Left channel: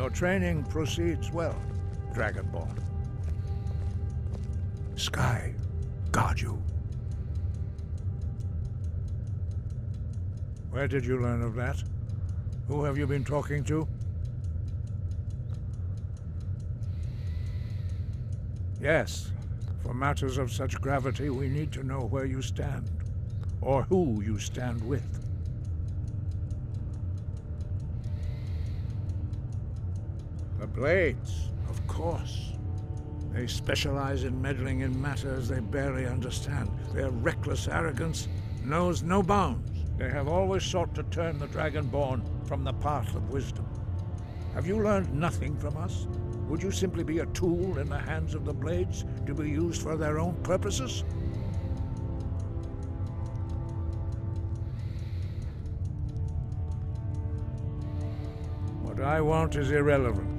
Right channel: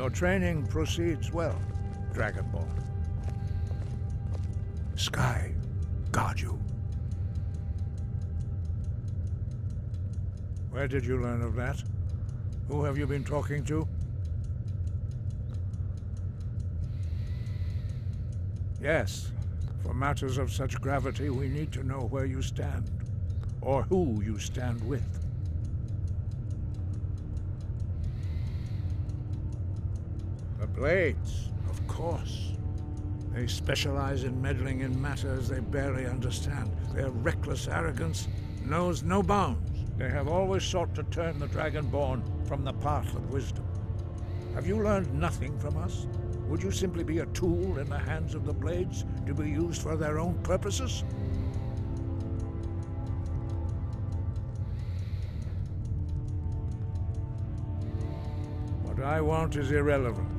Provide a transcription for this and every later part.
Your training proceeds well, Dragonborn. Sky, guard you. Where did you learn of that? Who have you been talking to? Yes, for matters of such gravity, we need to know where you stand, or who you stand with. The Blades, of course. They specialize in meddling in matters they barely understand. Their reckless arrogance knows no bounds. They have always sought to turn the Dragonborn from the path of wisdom. Have you learned nothing from us? Would you simply be a tool in the hands of the Blades to be used for their own purposes? What I want is irrelevant.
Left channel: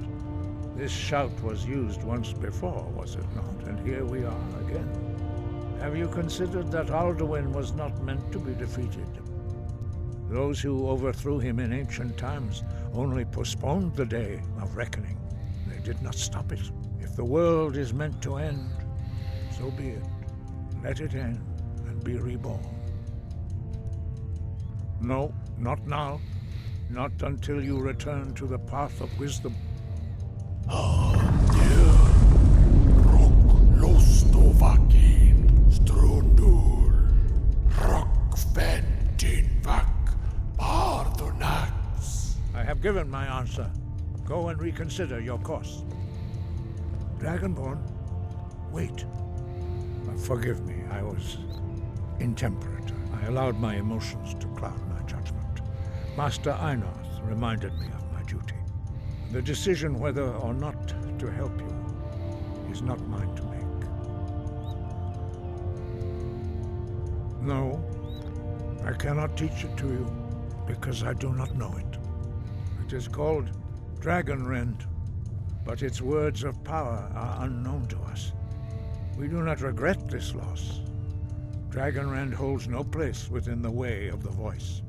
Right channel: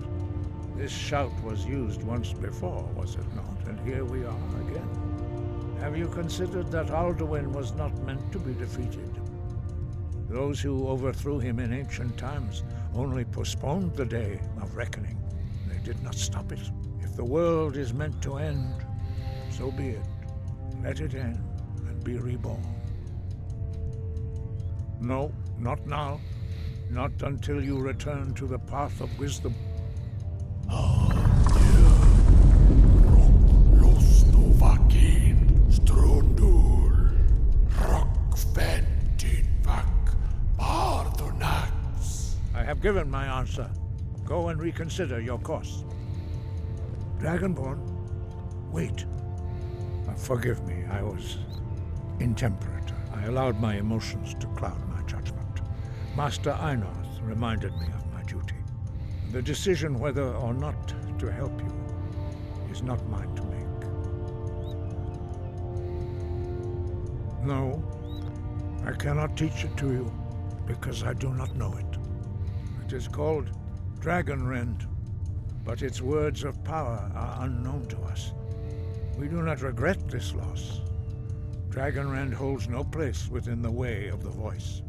This shout was used once before, was it not? And here we are again. Have you considered that Alduin was not meant to be defeated? Those who overthrew him in ancient times only postponed the day of reckoning. They did not stop it. If the world is meant to end, so be it. Let it end and be reborn. No, not now. Not until you return to the path of wisdom. I have given my answer. Go and reconsider your course. Dragonborn, wait. Forgive me, I was intemperate. I allowed my emotions to cloud my judgment. Master Einarth reminded me of my duty. The decision whether or not to help you is not mine to make. No, I cannot teach it to you because I do not know it. It is called Dragonrend, but its words of power are unknown to us. We do not regret this loss. Dragonrend holds no place within the way of the voice.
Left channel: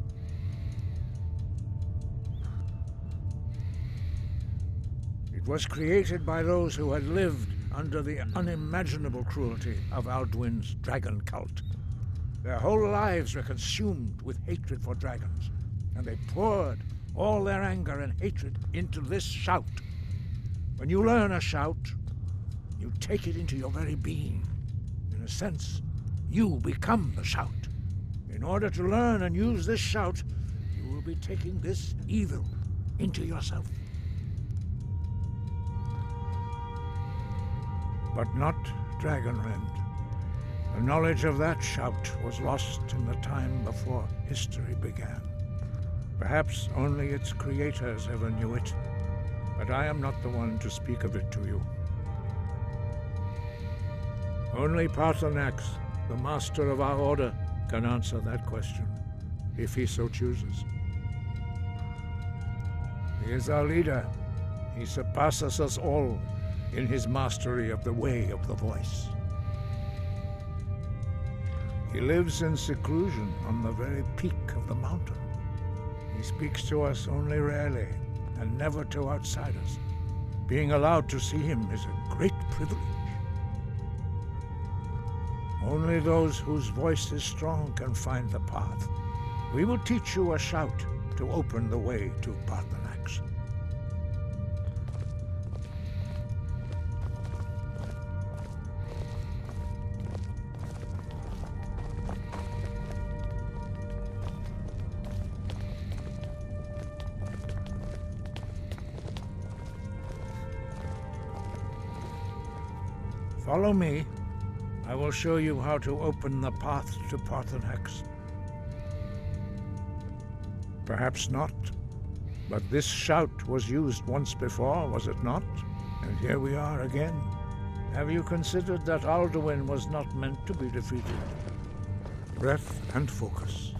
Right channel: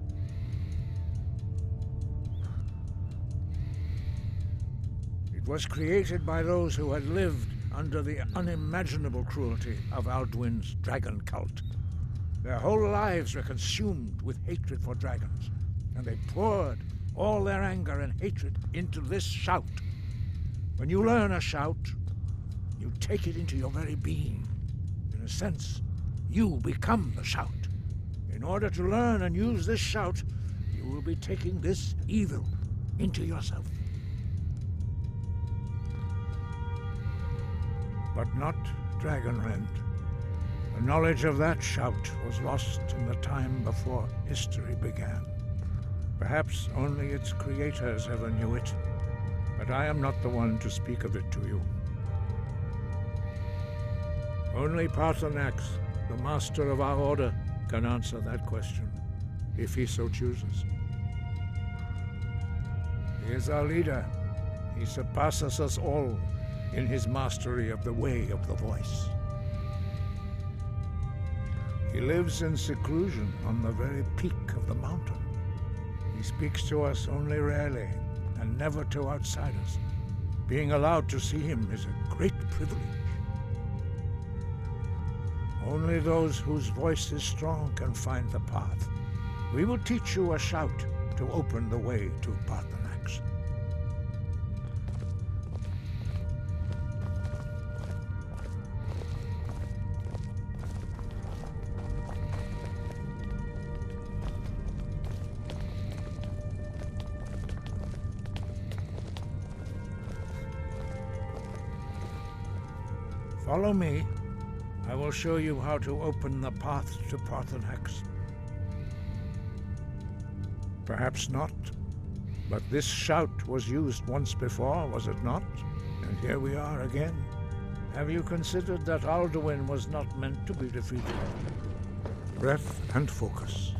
It was created by those who had lived under the unimaginable cruelty of Alduin's dragon cult. Their whole lives were consumed with hatred for dragons, and they poured all their anger and hatred into this shout. When you learn a shout, you take it into your very being. In a sense, you become the shout. In order to learn and use this shout, you will be taking this evil into yourself. But not Dragonrend. The knowledge of that shout was lost in the time before history began. Perhaps only its creators ever knew it, but I am not the one to speak of it to you. Only Paarthurnax, the master of our order, can answer that question, if he so chooses. He is our leader. He surpasses us all in his mastery of the way of the voice. He lives in seclusion on the very peak of the mountain. He speaks to us only rarely, and never to outsiders. Being allowed to see him is a great privilege. Only those whose voice is strong can find the path. We will teach you a shout to open the way to Paarthurnax. Follow me. I will show you how to open the path to Paarthurnax. Perhaps not, but this shout was used once before, was it not? And here we are again. Have you considered that Alduin was not meant to be defeated? Breath and focus.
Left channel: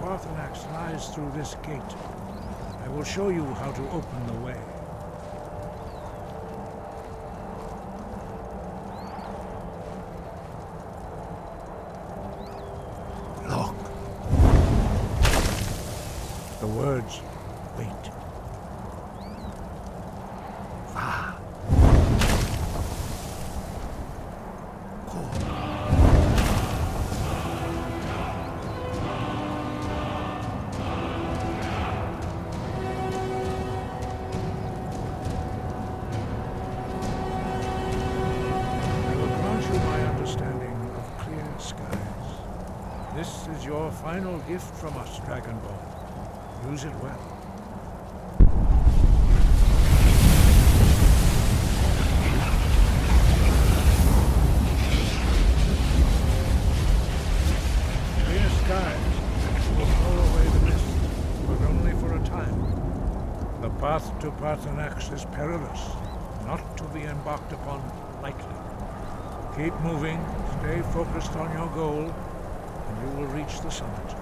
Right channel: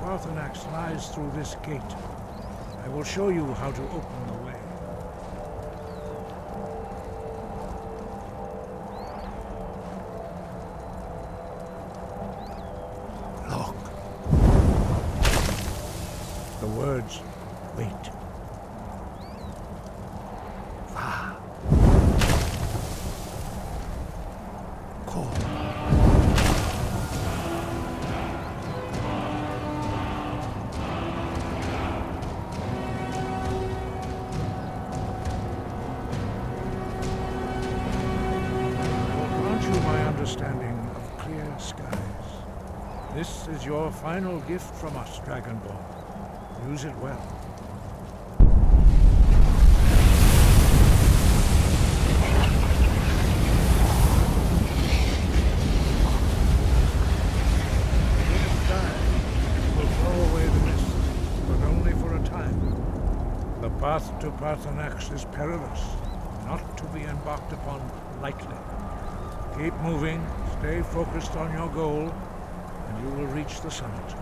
Paarthurnax lies through this gate. I will show you how to open the way. Look. The words, wait. Va. Call. You my understanding of clear skies. This is your final gift from us, Dragonborn. Use it well. Clear skies will blow away the mist, but only for a time. The path to Paarthurnax is perilous, not to be embarked upon lightly. Keep moving, stay focused on your goal, and you will reach the summit.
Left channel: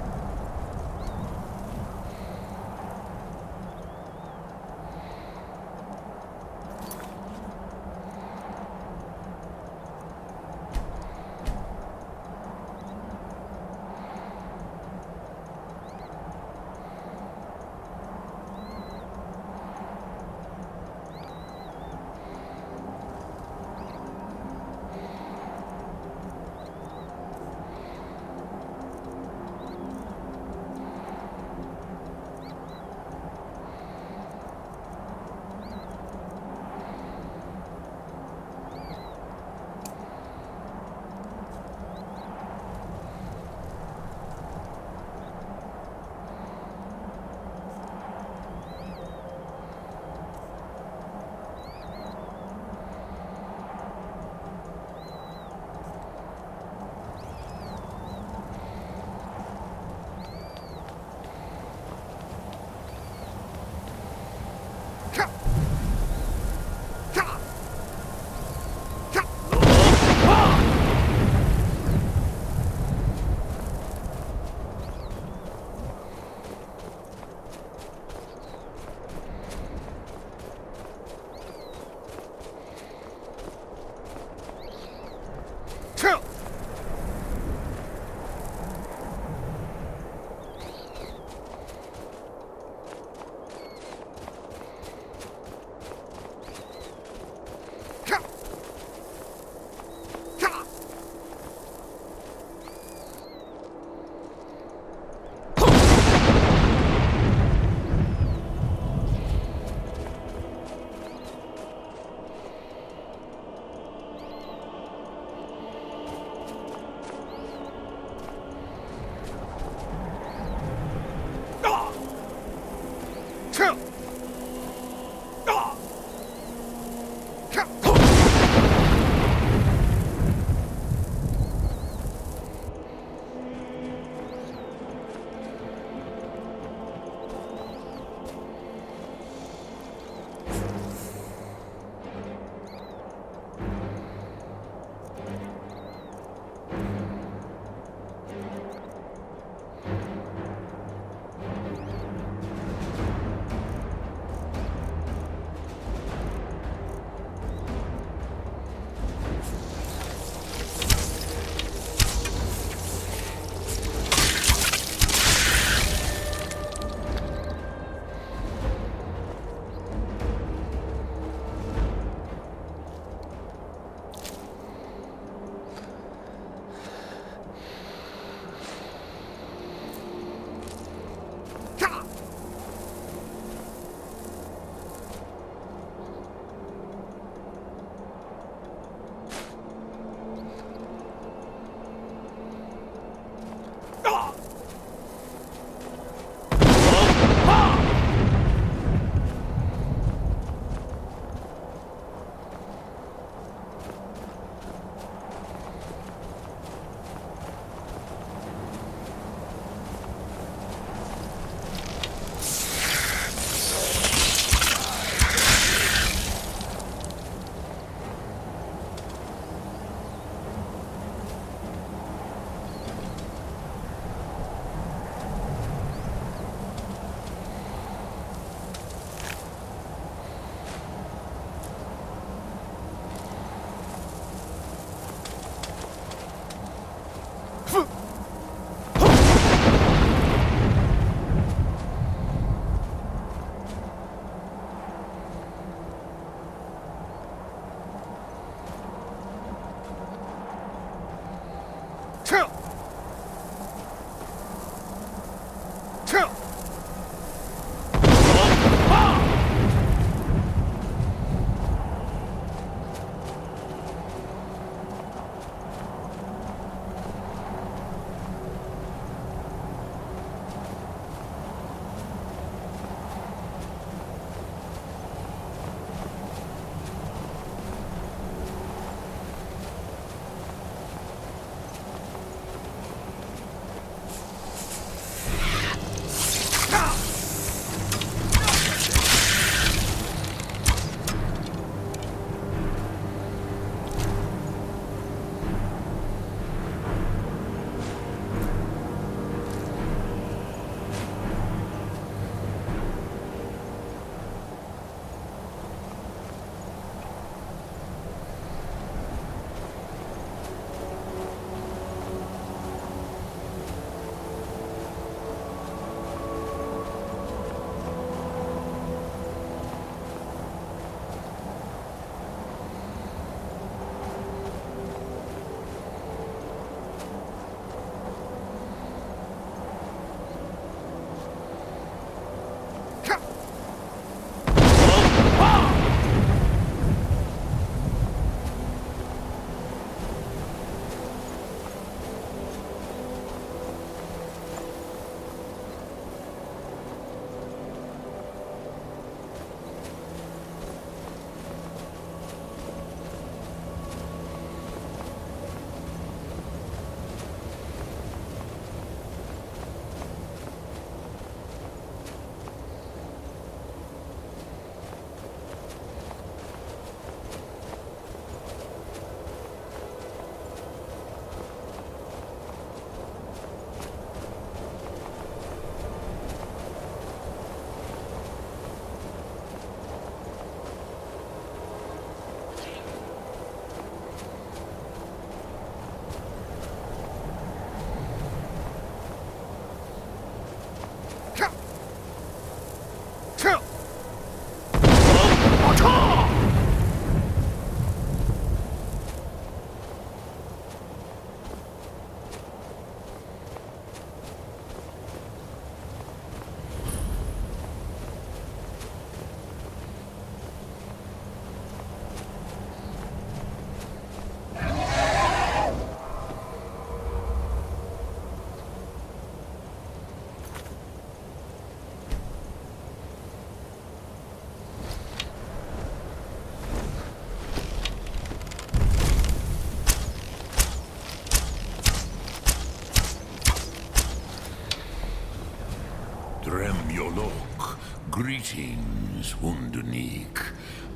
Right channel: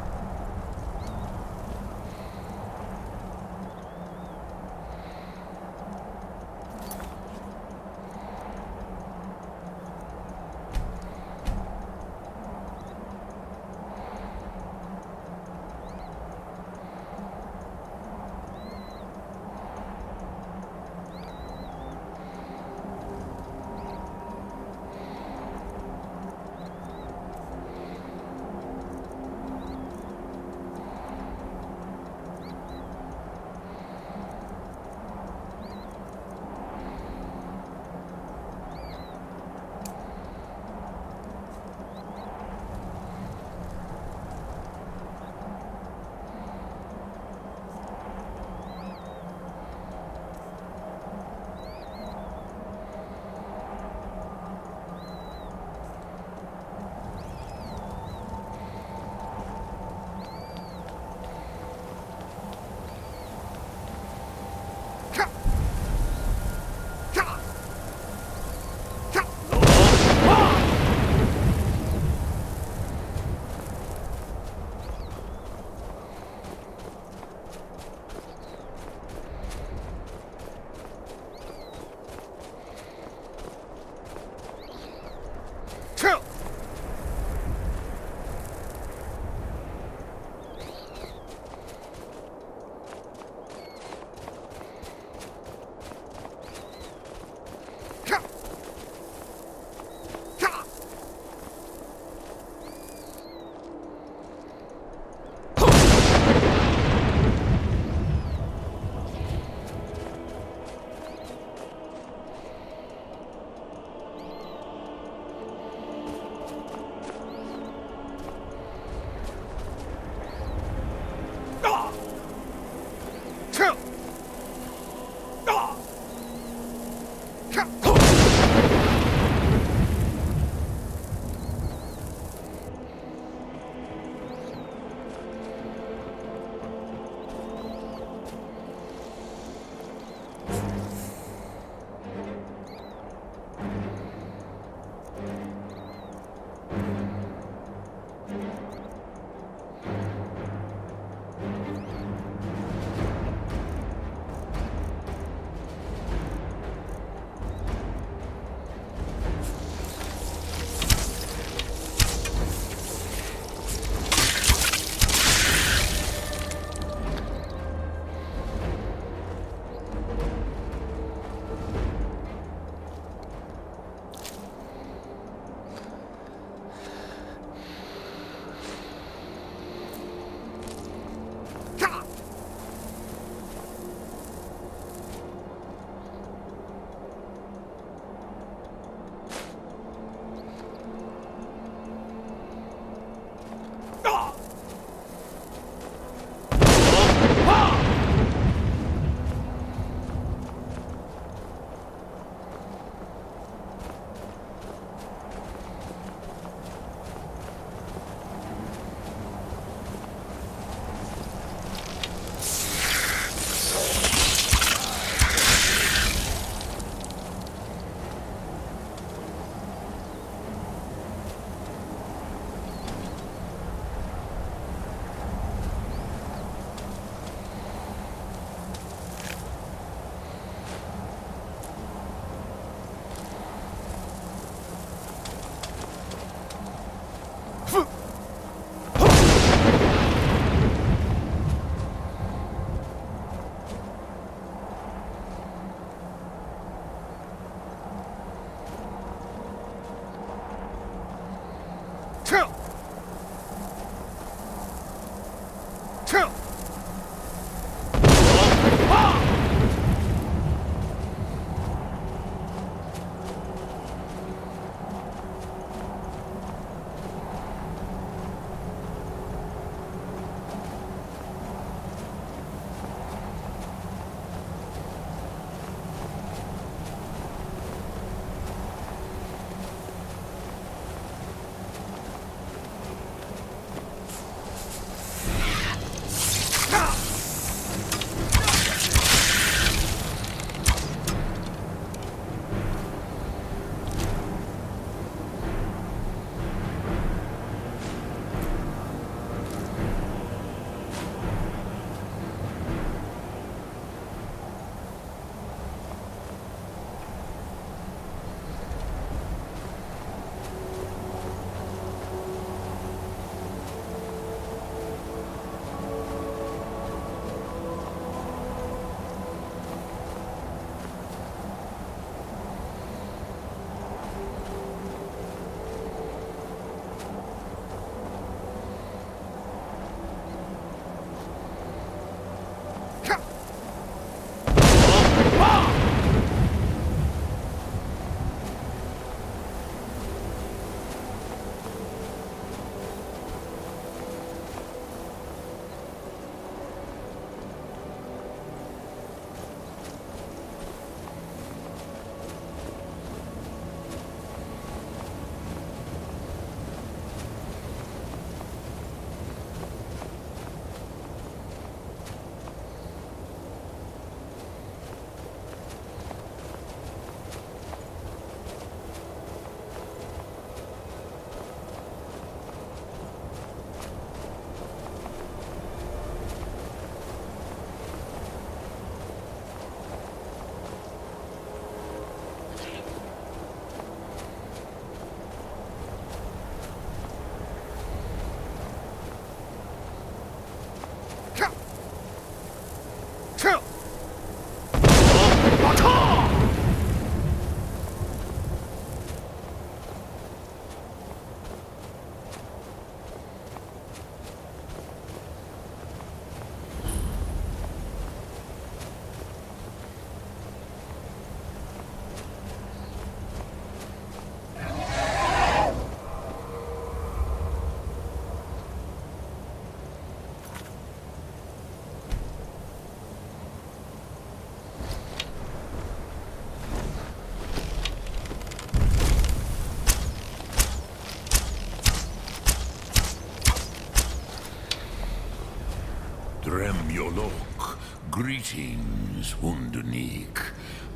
Drem Yolok, greetings, Wunderneek.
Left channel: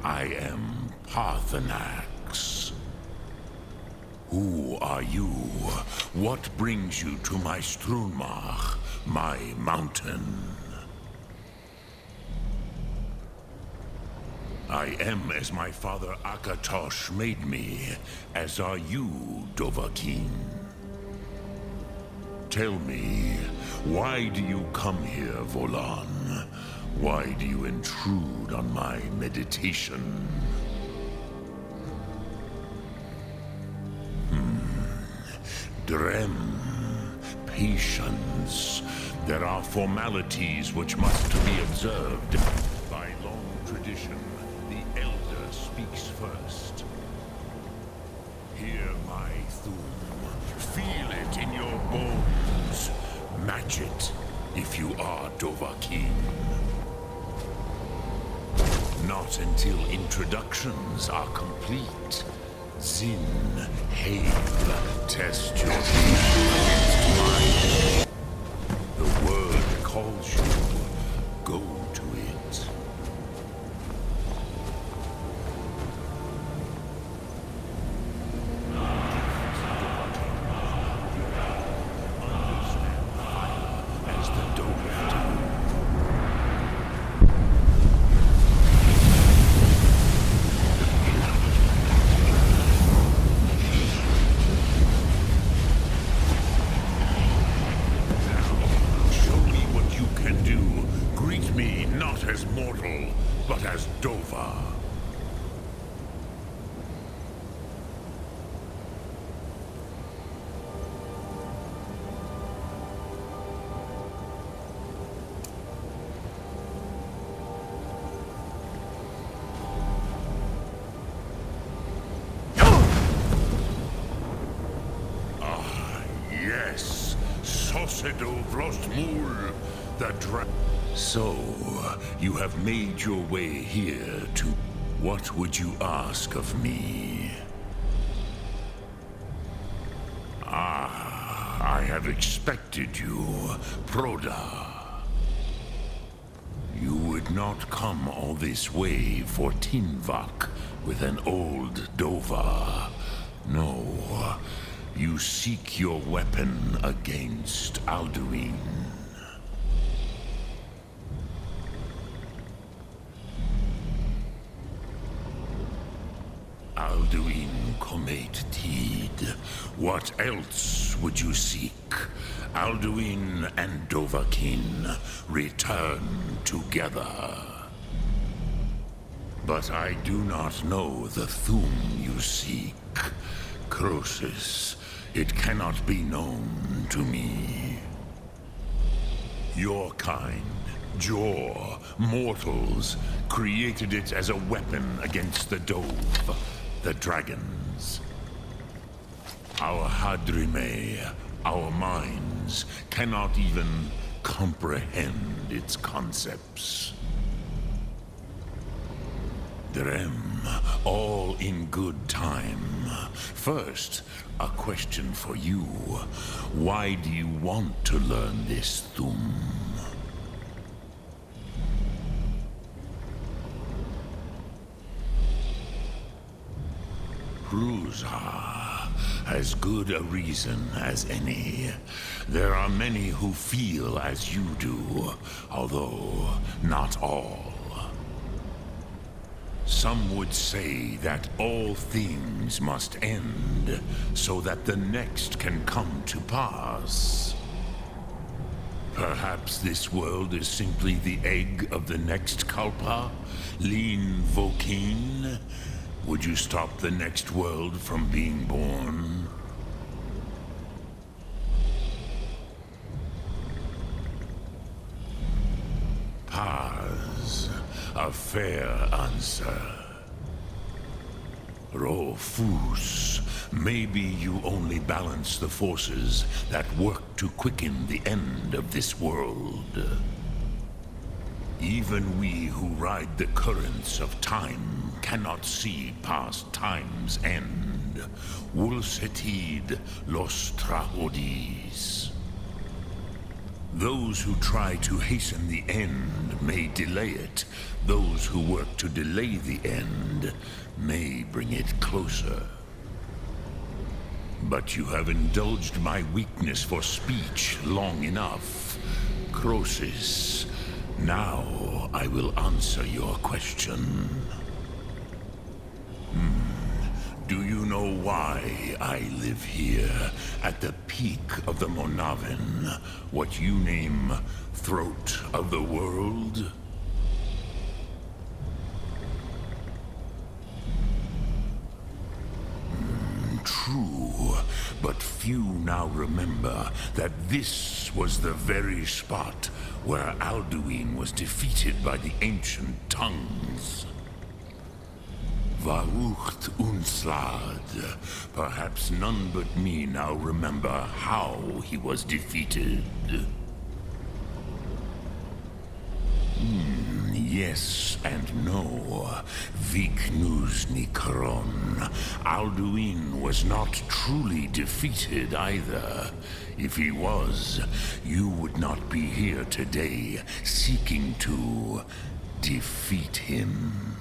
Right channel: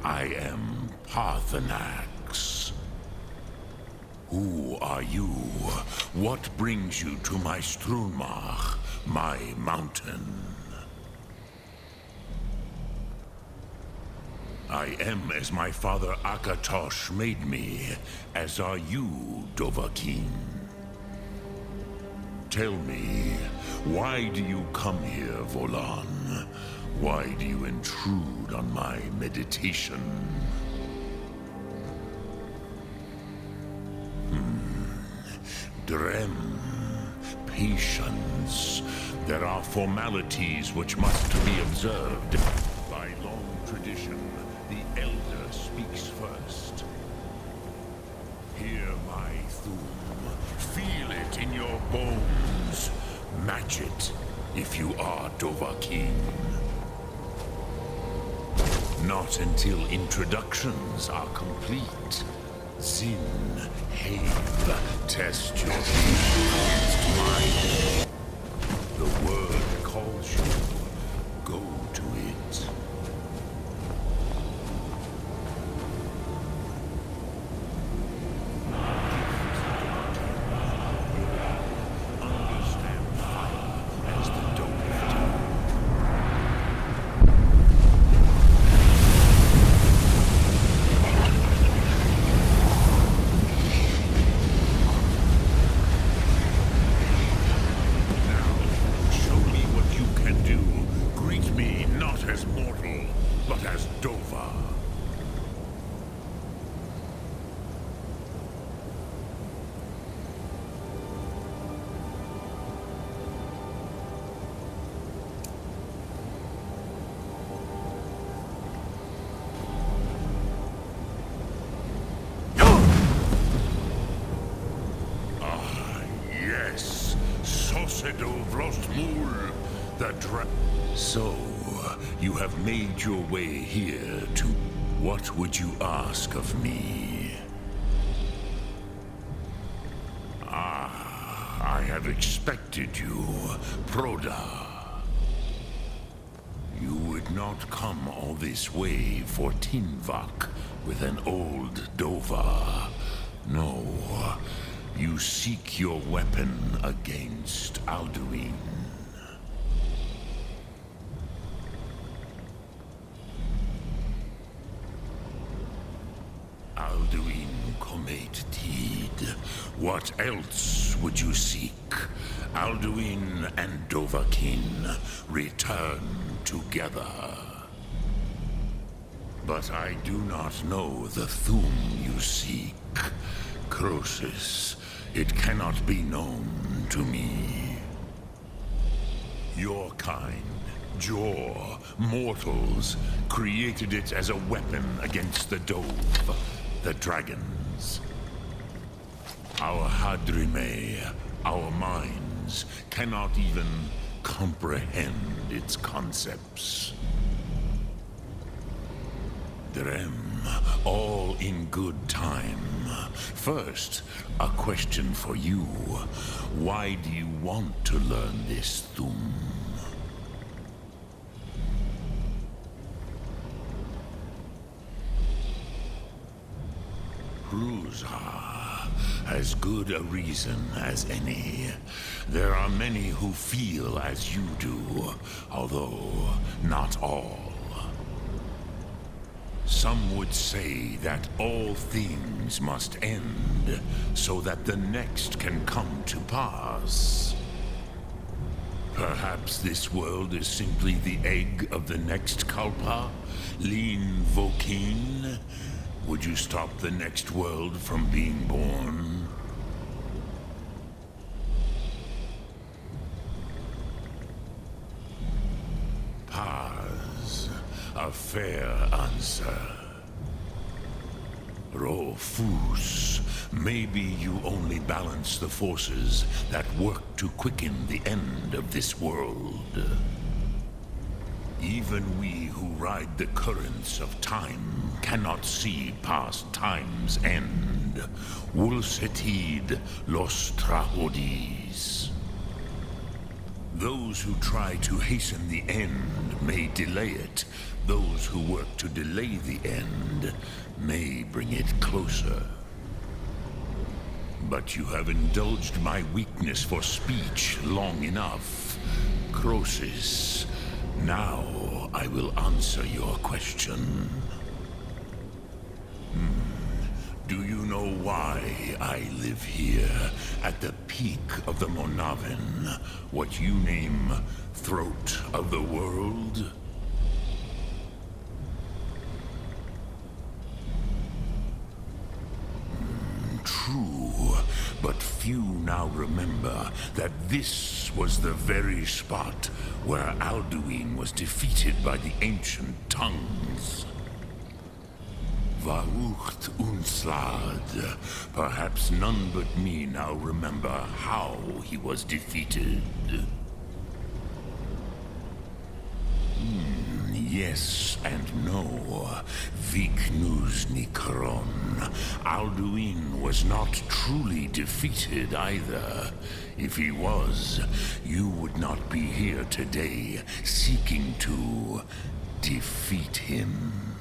I am Paarthurnax. Who are you? What brings you to my Strunmach, my mountain? I am as my father Akatosh made me, as are you, Dovahkiin. Tell me, why do you come here, Volan? Why do you intrude on my meditation? Drem, patience. There are formalities which must be observed. By long tradition, the Elder speaks first. Hear my thum. Feel it in your bones. Match it, if you are Dovahkiin. Not until introductions are complete. Zin, Have, test your faith against mine. The word calls you. Go to it. Understand fire as the Dove do. As mortal, but as Dova. Ah, yes, Sosedo Vrostmul, the So, you have made your way here to... What would you ask of me? Ah, I have expected you, Proda. You would not come all this way for Tinvak with an old Dova. No, you seek your weapon against Alduin. Alduin Comet Tid. What else would you seek? Alduin and Dovahkiin return together. But I do not know the Thum you seek. Croesus, it cannot be known to me. Your kind, Jor, mortals, created it as a weapon against the Dove. The dragons. Our Hadrime, our minds, cannot even comprehend its concepts. Drem, all in good time. First, a question for you. Why do you want to learn this Thum? Ruza, as good a reason as any. There are many who feel as you do, although not all. Some would say that all things must end, so that the next can come to pass. Perhaps this world is simply the egg of the next Kalpa, Lean Vokeen. Would you stop the next world from being born? Paz, a fair answer. Rofus, maybe you only balance the forces that work to quicken the end of this world. Even we who ride the currents of time cannot see past time's end. Wulsetid los trahodis. Those who try to hasten the end may delay it. Those who work to delay the end may bring it closer. But you have indulged my weakness for speech long enough. Croesus, now I will answer your question. Do you know why I live here, at the peak of the Monavin, what you name Throat of the World? True, but few now remember that this was the very spot where Alduin was defeated by the ancient tongues. Vaucht Unslad. Perhaps none but me now remember how he was defeated. Yes and no. Viknus Nikron. Alduin was not truly defeated either. If he was, you would not be here today seeking to defeat him.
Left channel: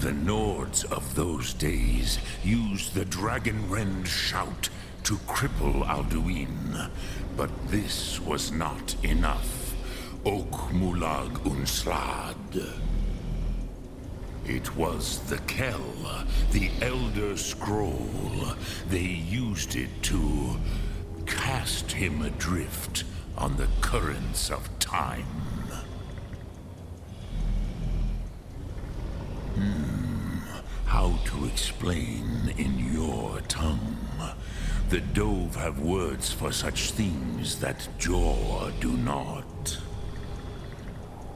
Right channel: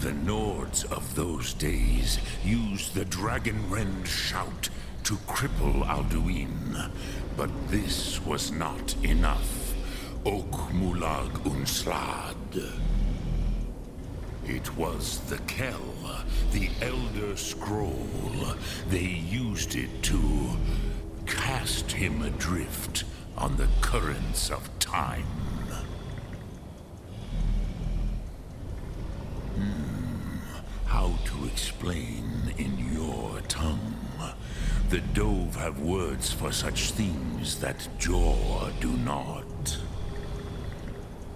The Nords of those days used the Dragonrend shout to cripple Alduin, but this was not enough. Ok Mulag Unslad. It was the Kell, the Elder Scroll. They used it to cast him adrift on the currents of time. How to explain in your tongue? The Dove have words for such things that Jor do not.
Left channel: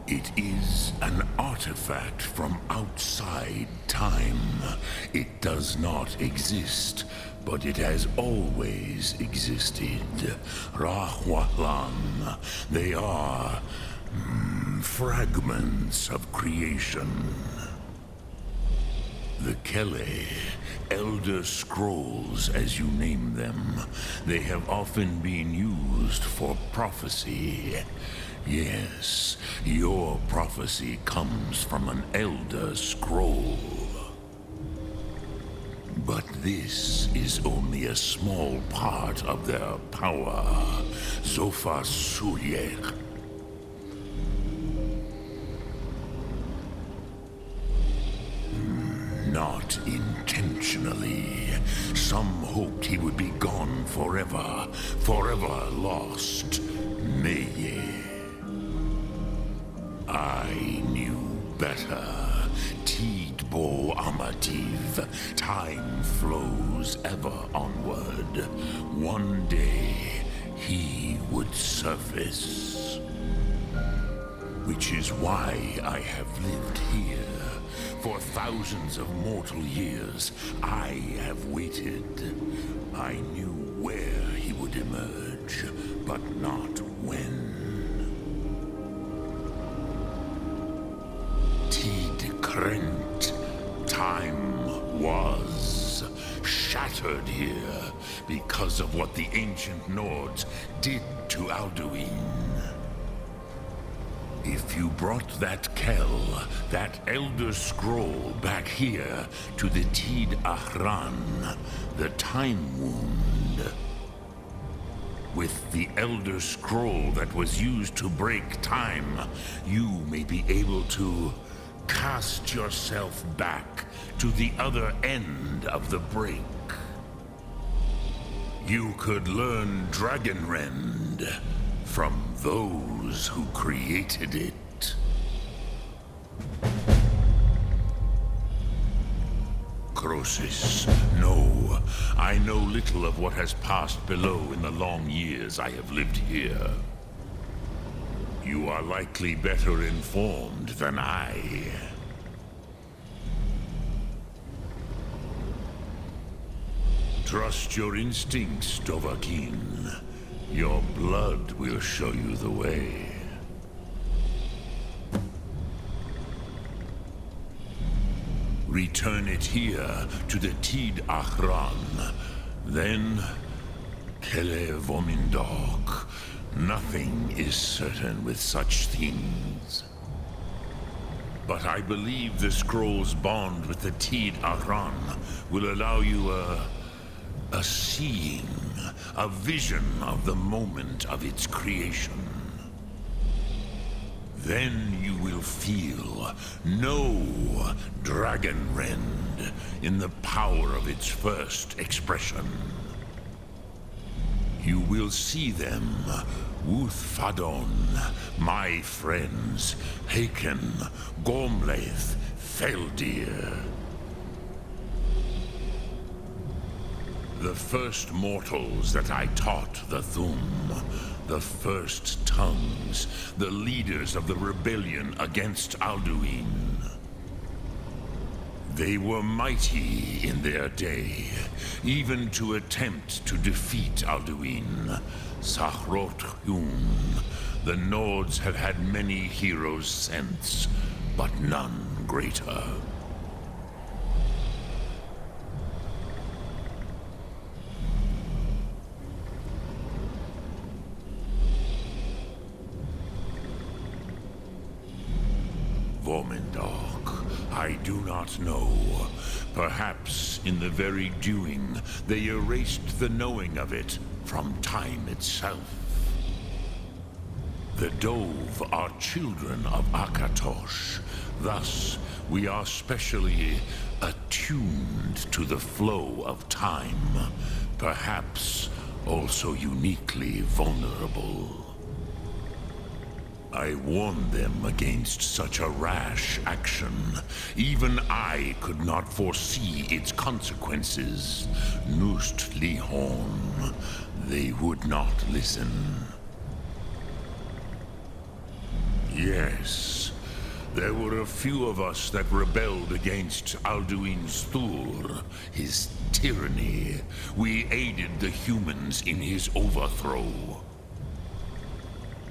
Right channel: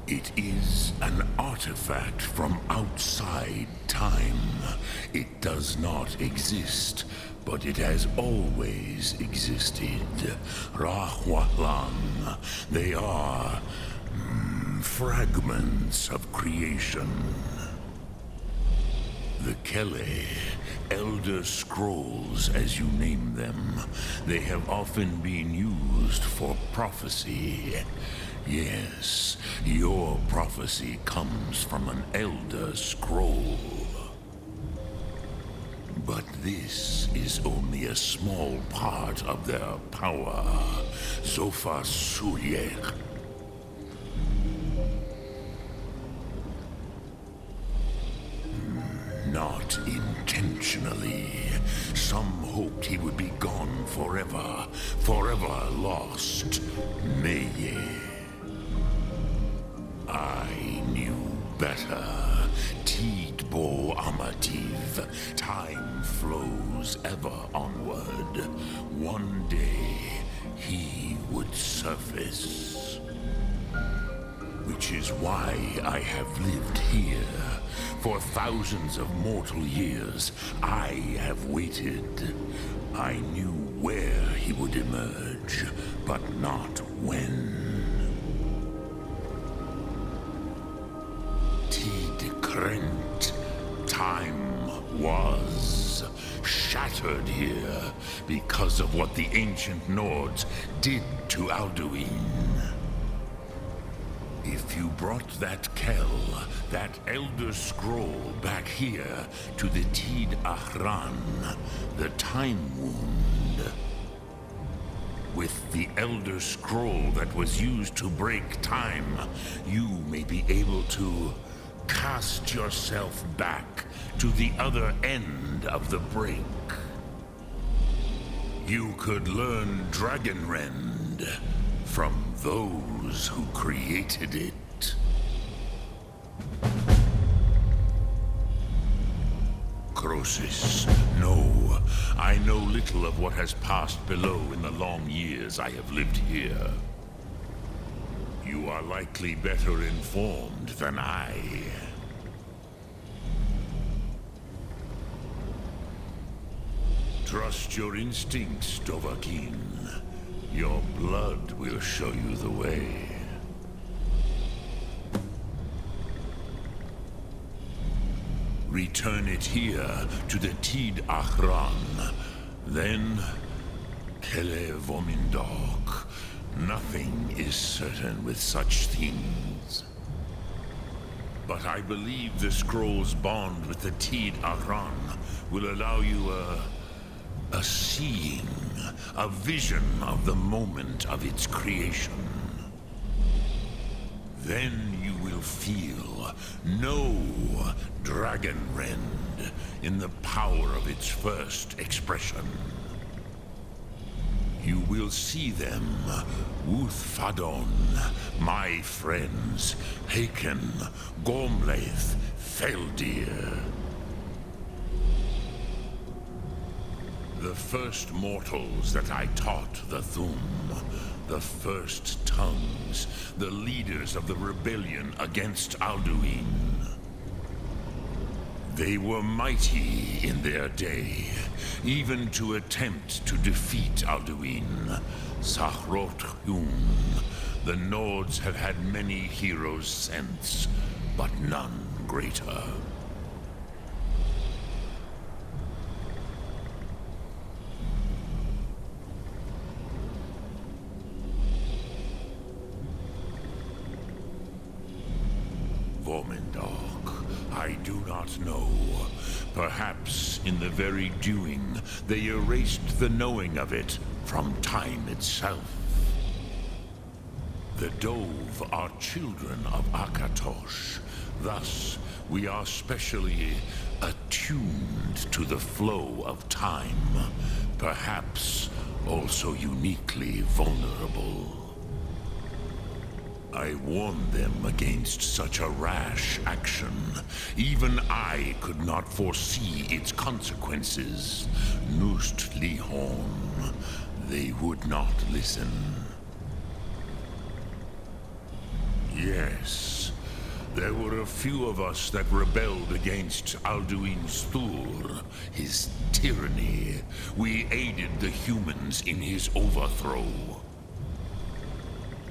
It is an artifact from outside time. It does not exist, but it has always existed. Rahwalan. They are fragments of creation. The Kele, Elder Scrolls as you name them, they have often been used for prophecy. Yes, your prophecy comes from an Elder Scroll. But this is only a small part of their power. Zofa Suyek. Not intentionally. Some hoped he would be gone forever. Forever lost. Meye. I knew better. Tidbo Amativ. Time flows ever onward. One day, he would surface. Which is why I have lived here. For thousands of mortal years, I have waited. I knew where he would emerge, but not when. Tid Krent. Time was shattered here because of what the ancient Nords did to Alduin. If you brought that Kell, that Elder Scroll back here to the Tid Ahran, the Time Wound, with the Elder Scroll that was used to break time, you may be able to cast yourself back to the other end of the break. You could learn Dragonrend from those who created it. Croesus, no. I know little of what has passed below in the long years I have lived here. You are likely better informed than I. Trust your instincts, Dovahkiin. Your blood will show you the way. Return it here to the Tid Ahran. Then, Kele Vomindok. Nothing is certain with such things. But I believe the scroll's bond with the Tid Aran will allow you a seeing, a vision of the moment of its creation. Then you will feel, know Dragonrend in the power of its first expression. You will see them, Uthfadon, my friends, Haken, Gormlaith, Feldir. The first mortals that I taught the Thum, the first tongues, the leaders of the rebellion against Alduin. They were mighty in their day, even to attempt to defeat Alduin. Sahrot-Hyun, the Nords have had many heroes since, but none greater. Vormendok, I do not know. Perhaps in the very doing, they erased the knowing of it from time itself. The Dove are children of Akatosh. Thus, we are specially attuned to the flow of time. Perhaps also uniquely vulnerable. I warned them against such a rash action. Even I could not foresee its consequences. Nust Lihorn, they would not listen. Yes, there were a few of us that rebelled against Alduin's Thur, his tyranny. We aided the humans in his overthrow.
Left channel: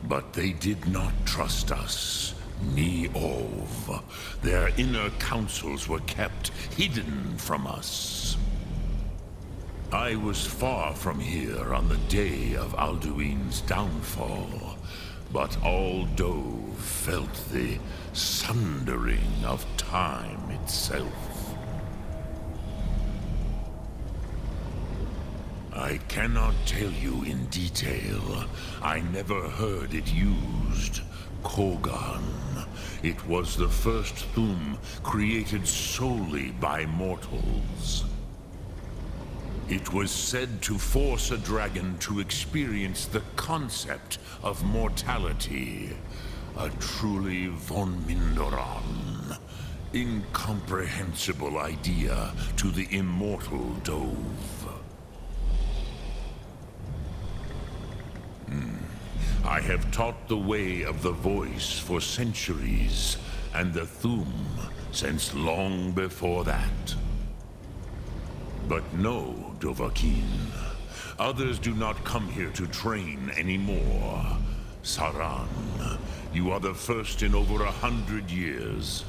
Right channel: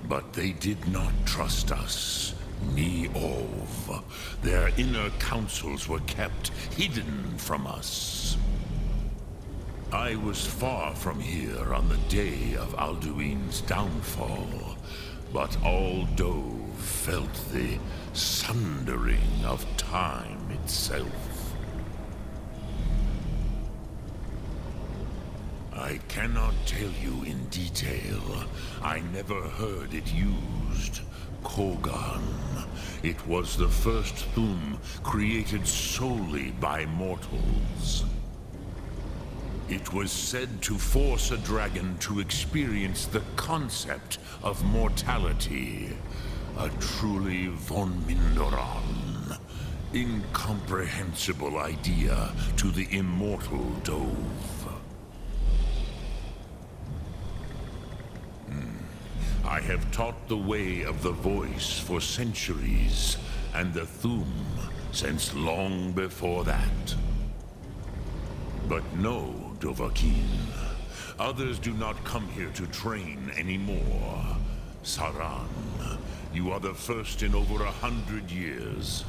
But they did not trust us, ni Ov. Their inner counsels were kept hidden from us. I was far from here on the day of Alduin's downfall, but all Dove felt the sundering of time itself. I cannot tell you in detail. I never heard it used. Kogan. It was the first Thum created solely by mortals. It was said to force a dragon to experience the concept of mortality. A truly von Mindoran. Incomprehensible idea to the immortal Dove. I have taught the way of the voice for centuries, and the Thum since long before that. But no, Dovahkiin. Others do not come here to train anymore. Saran, you are the first in over 100 years.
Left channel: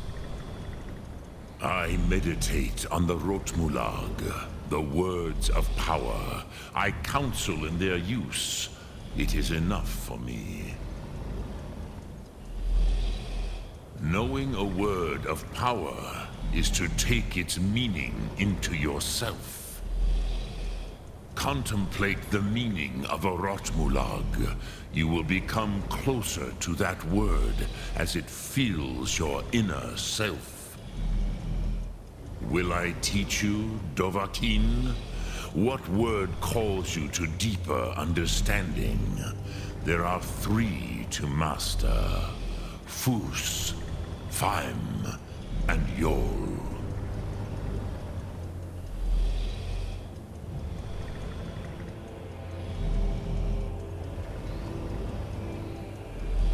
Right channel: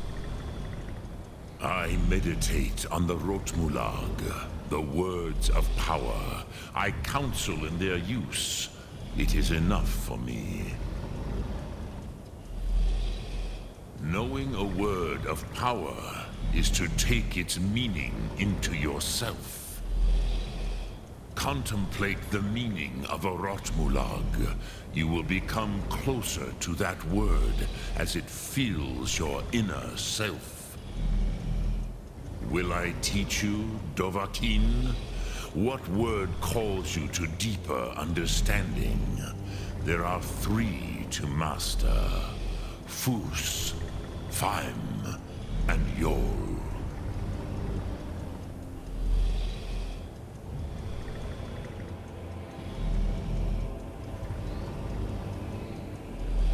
I meditate on the Rotmulag, the words of power. I counsel in their use. It is enough for me. Knowing a word of power is to take its meaning into yourself. Contemplate the meaning of a Rotmulag. You will become closer to that word as it fills your inner self. Will I teach you, Dovahkiin? What word calls you to deeper understanding? There are 3 to master. Fus, Faim, and Yol.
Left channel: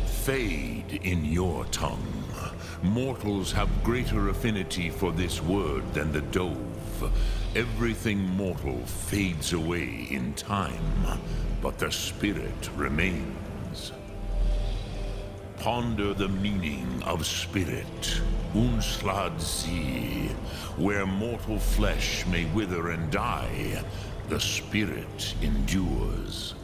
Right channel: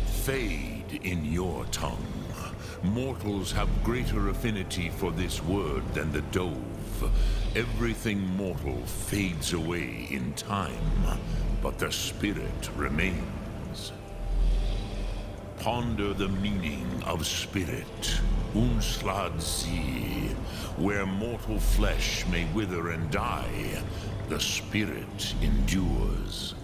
Fade in your tongue. Mortals have greater affinity for this word than the Dove. Everything mortal fades away in time, but the spirit remains. Ponder the meaning of spirit, Unslad Zi. Where mortal flesh may wither and die, the spirit endures.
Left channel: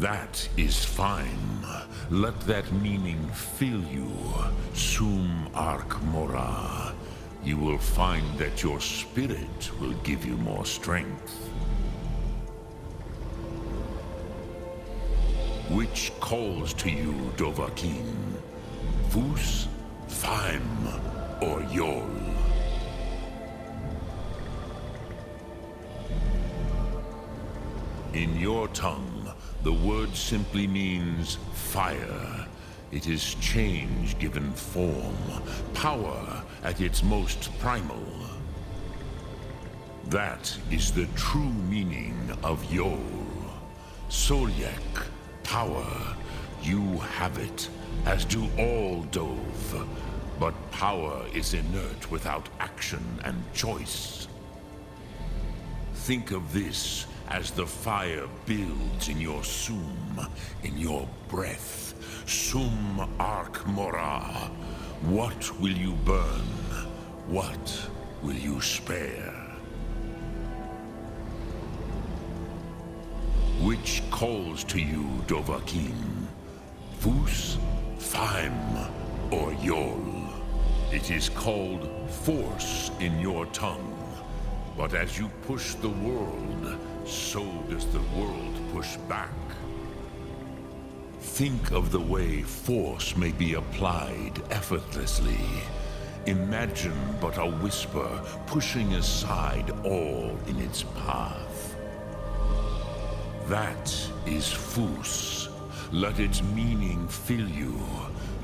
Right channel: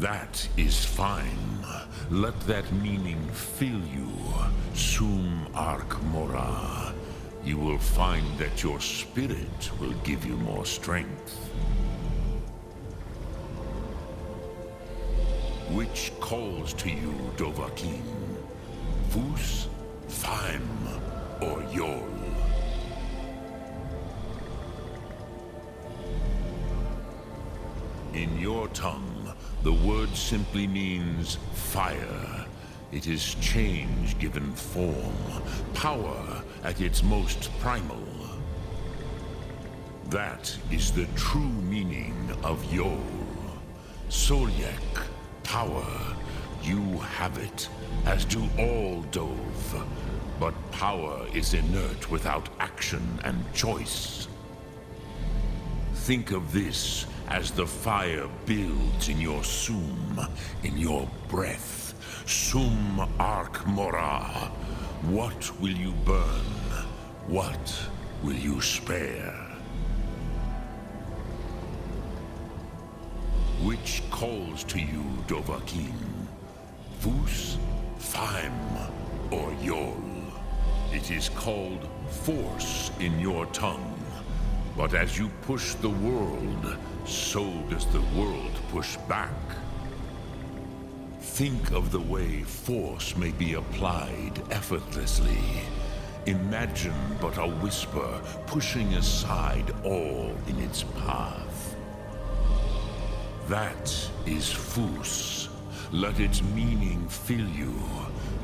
That is fine. Let that meaning fill you. Sum Arc Mora. You will find that your spirit will give you more strength. Which calls to you, Dovahkiin? Fus, Faim, or Yol? In your tongue, the word simply means fire. It is change given form, power at its most primal. That is the true meaning of Yol. Solyek, power. You have it, as do all Dove. But power is inert without action and choice. Think of this as the fire builds in your Sum, in your breath. Sum Arc Mora. What will you burn? What will you spare? Which calls to you, Dovahkiin? Fus, Faim, or Yol? It is called force in your tongue. But as you push the world, so does the world push back. Think of the way force may be applied effortlessly. Imagine but a whisper pushing aside all in its path. That is Fus. Let its meaning fill you.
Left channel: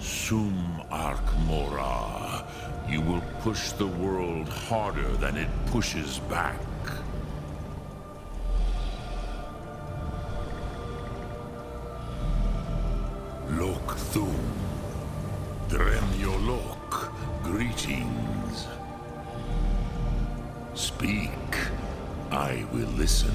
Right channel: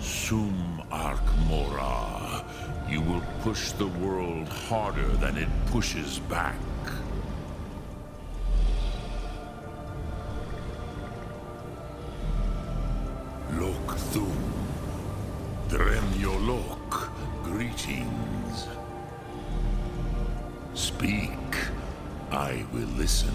Sum Arc Mora. You will push the world harder than it pushes back. Lok Thum. Dremyolok. Greetings. Speak. I will listen.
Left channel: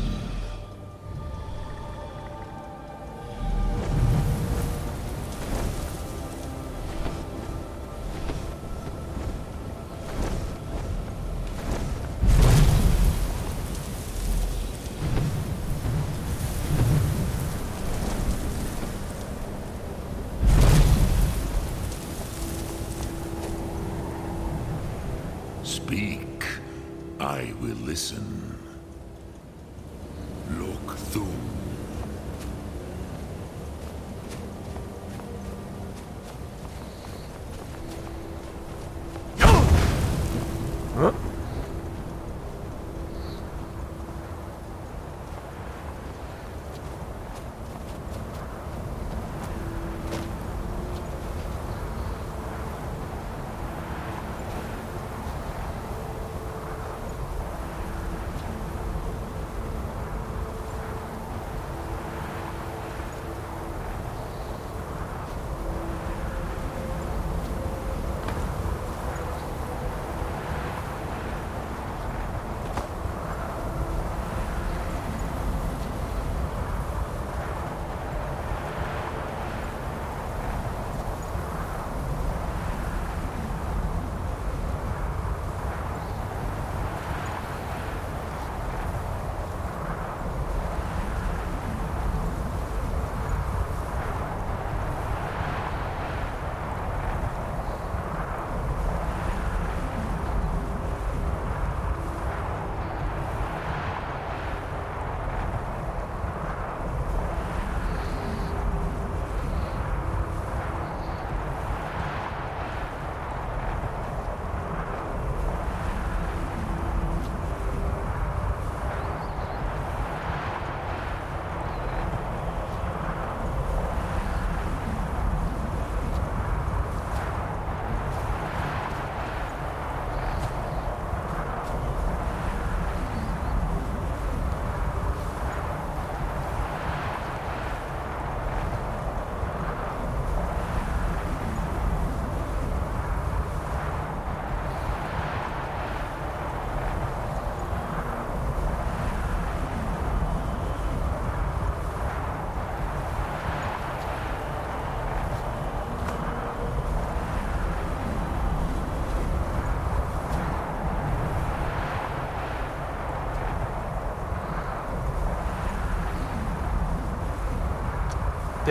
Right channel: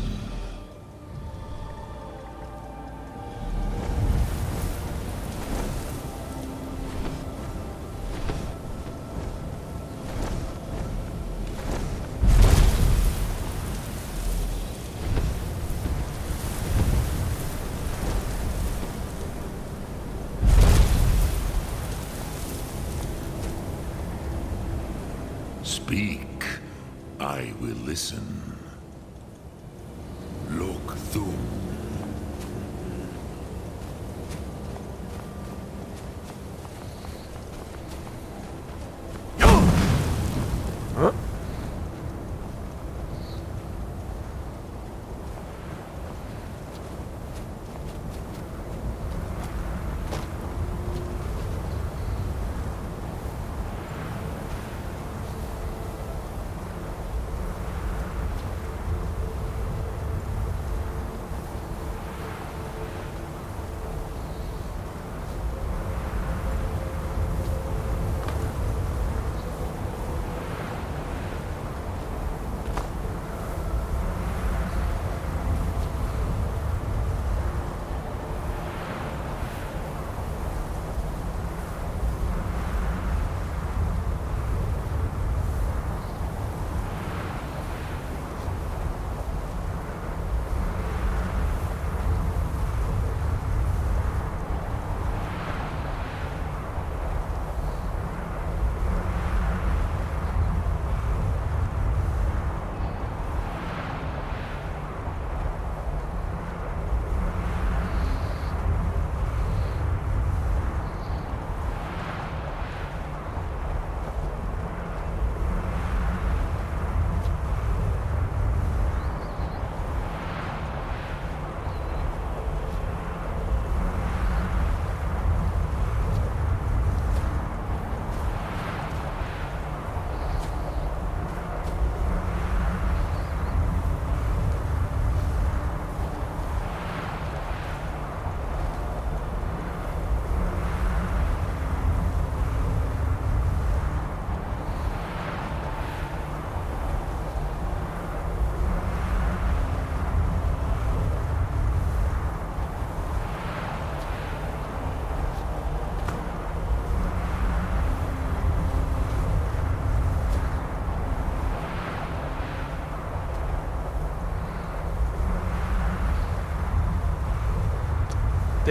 Speak. I will listen. Lok Thum. Huh?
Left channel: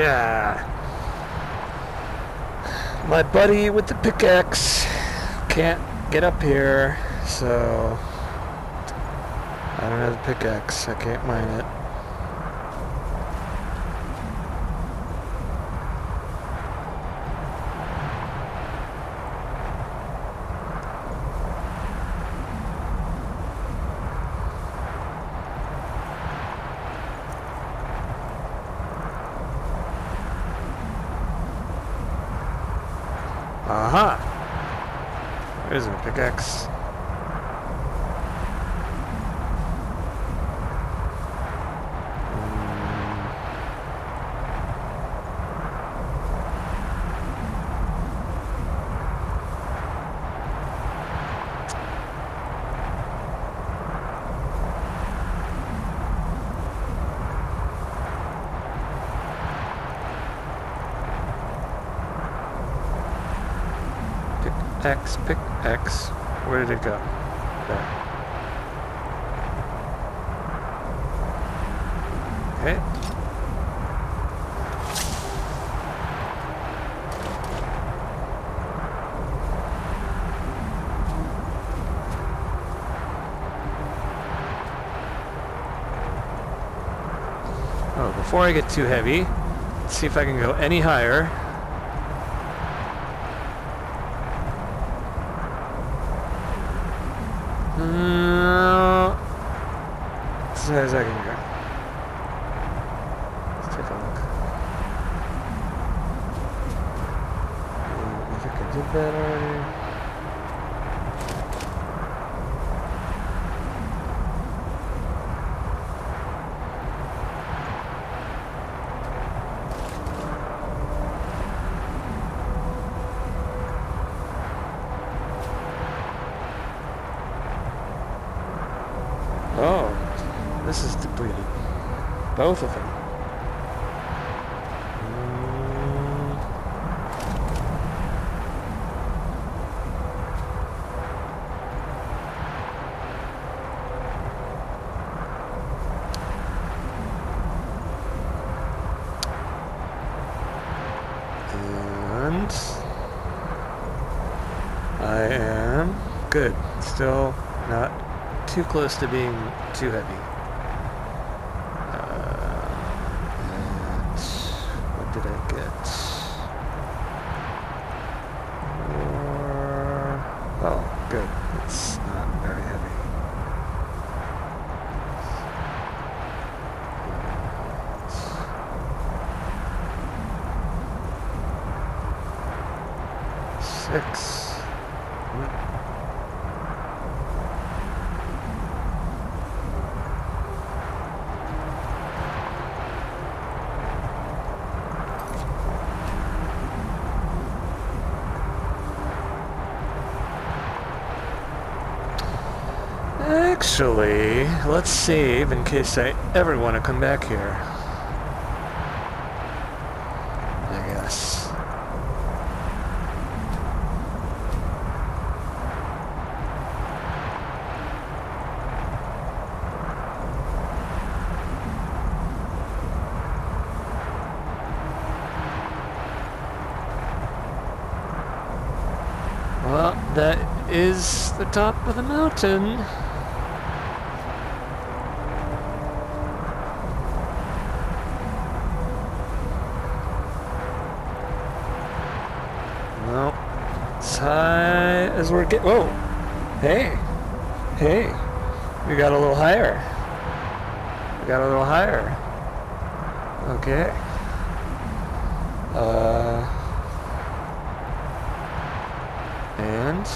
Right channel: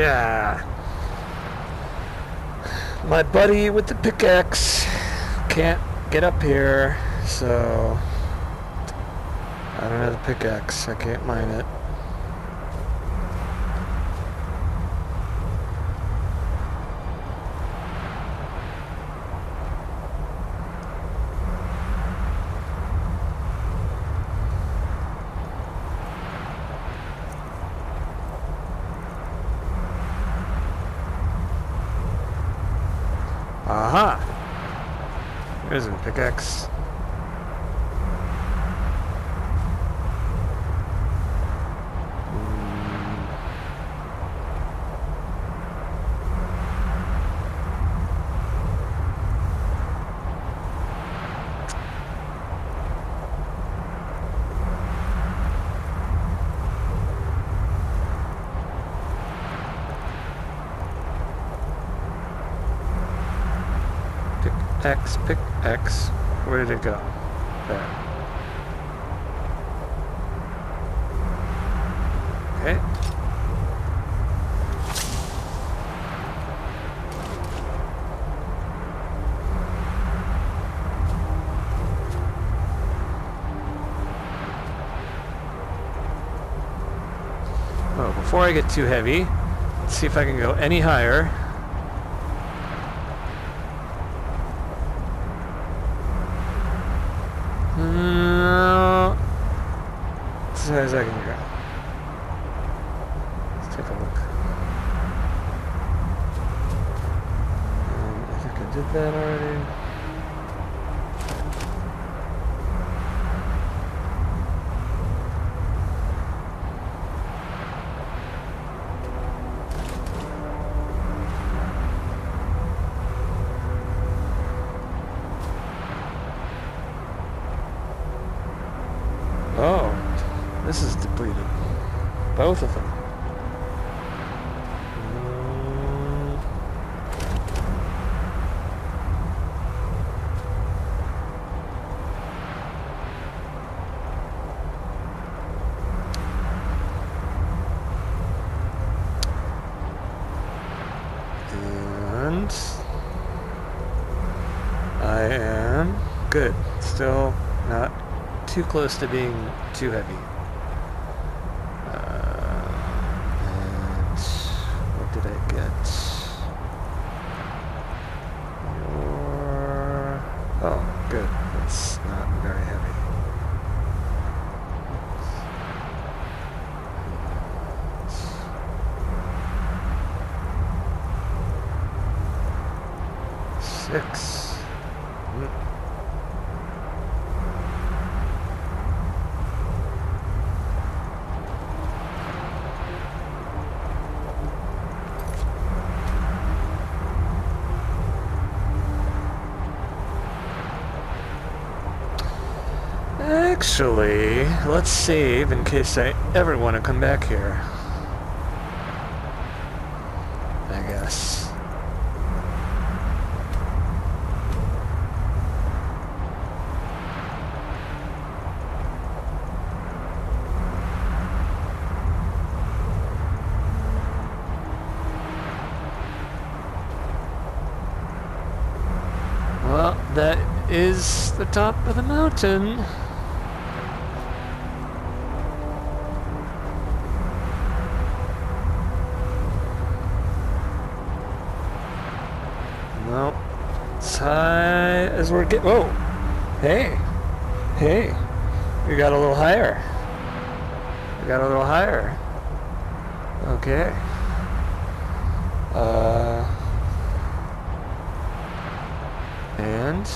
Yeah. My buddy with the pickaxe can't get up here, so I don't have the pickaxe. I can't mine it. Aha! There's a pickaxe. Pick X. Where did it go? There. Okay. Oh, before I get too heavy, let's see if I can go any higher. As high as I can go. Let's take a look. I think I did that already. Oh, this is depleted. Both of them. And I am good. Still not too close to being too heavy. And what did I get? Oh, good. It's not very heavy. Six. Actually, let's save in case I ever want to come back here. I guess. Well, that is the top of the mountain. No. As high as we're getting. Whoa! Hey! Hey! We got a little higher. We got a little higher. Okay. And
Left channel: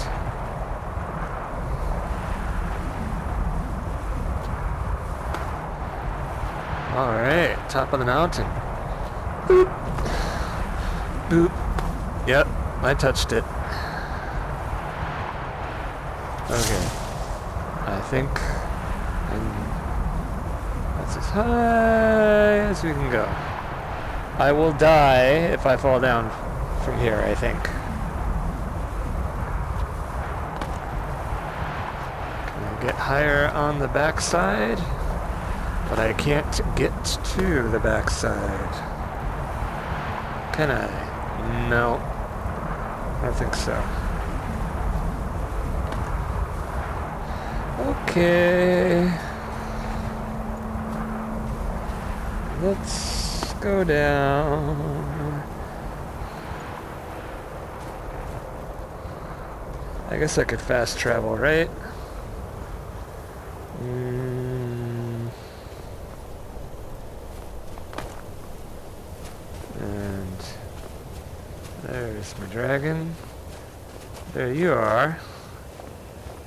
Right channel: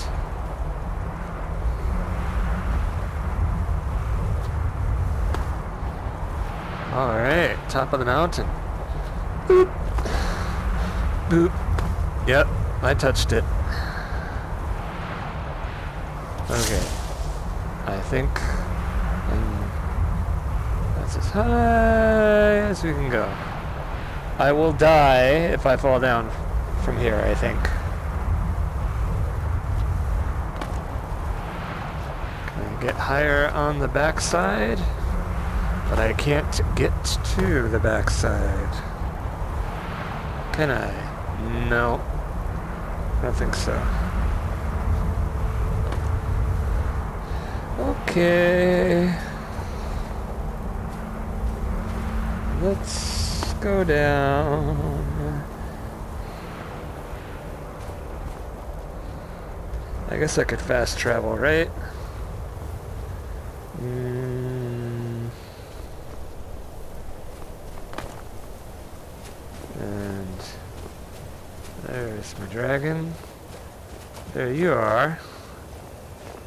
all right, top of the mountain. Boop. Boop. Yep, I touched it. Okay. I think that's as high as we can go. I will die if I fall down from here, I think. Can I get higher on the backside? But I can't get to the backside. Can I? No. I don't think so. Okay. Let's go down. I guess I could fast travel, right? And there's my dragon. There you are.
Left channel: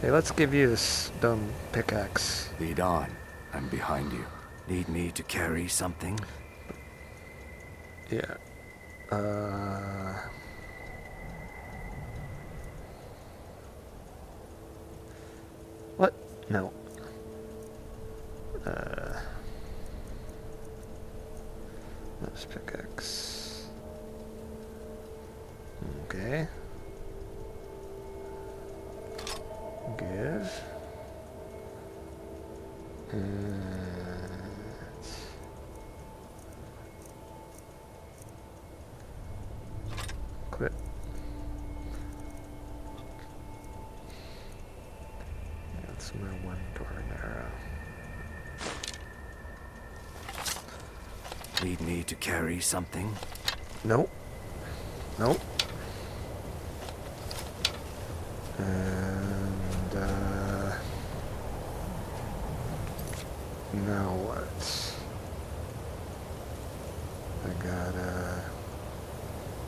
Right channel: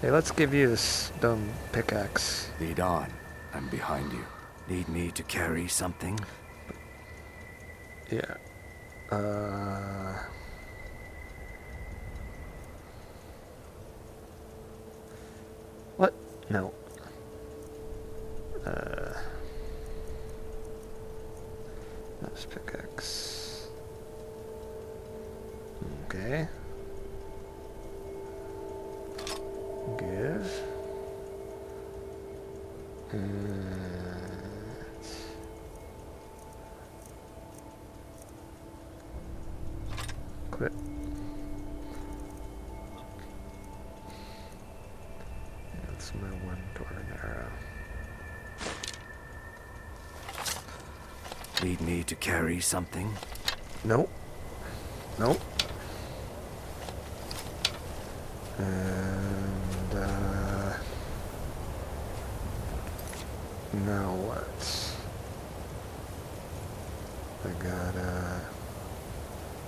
Hey, let's give you this dumb pickaxe. Lead on. I'm behind you. Need me to carry something? Yeah. What? No. That's pickaxe. Okay. Give. And quit. Yeah, that's my one door and arrow. Need me to carry something? Nope. Nope. And now what? I gotta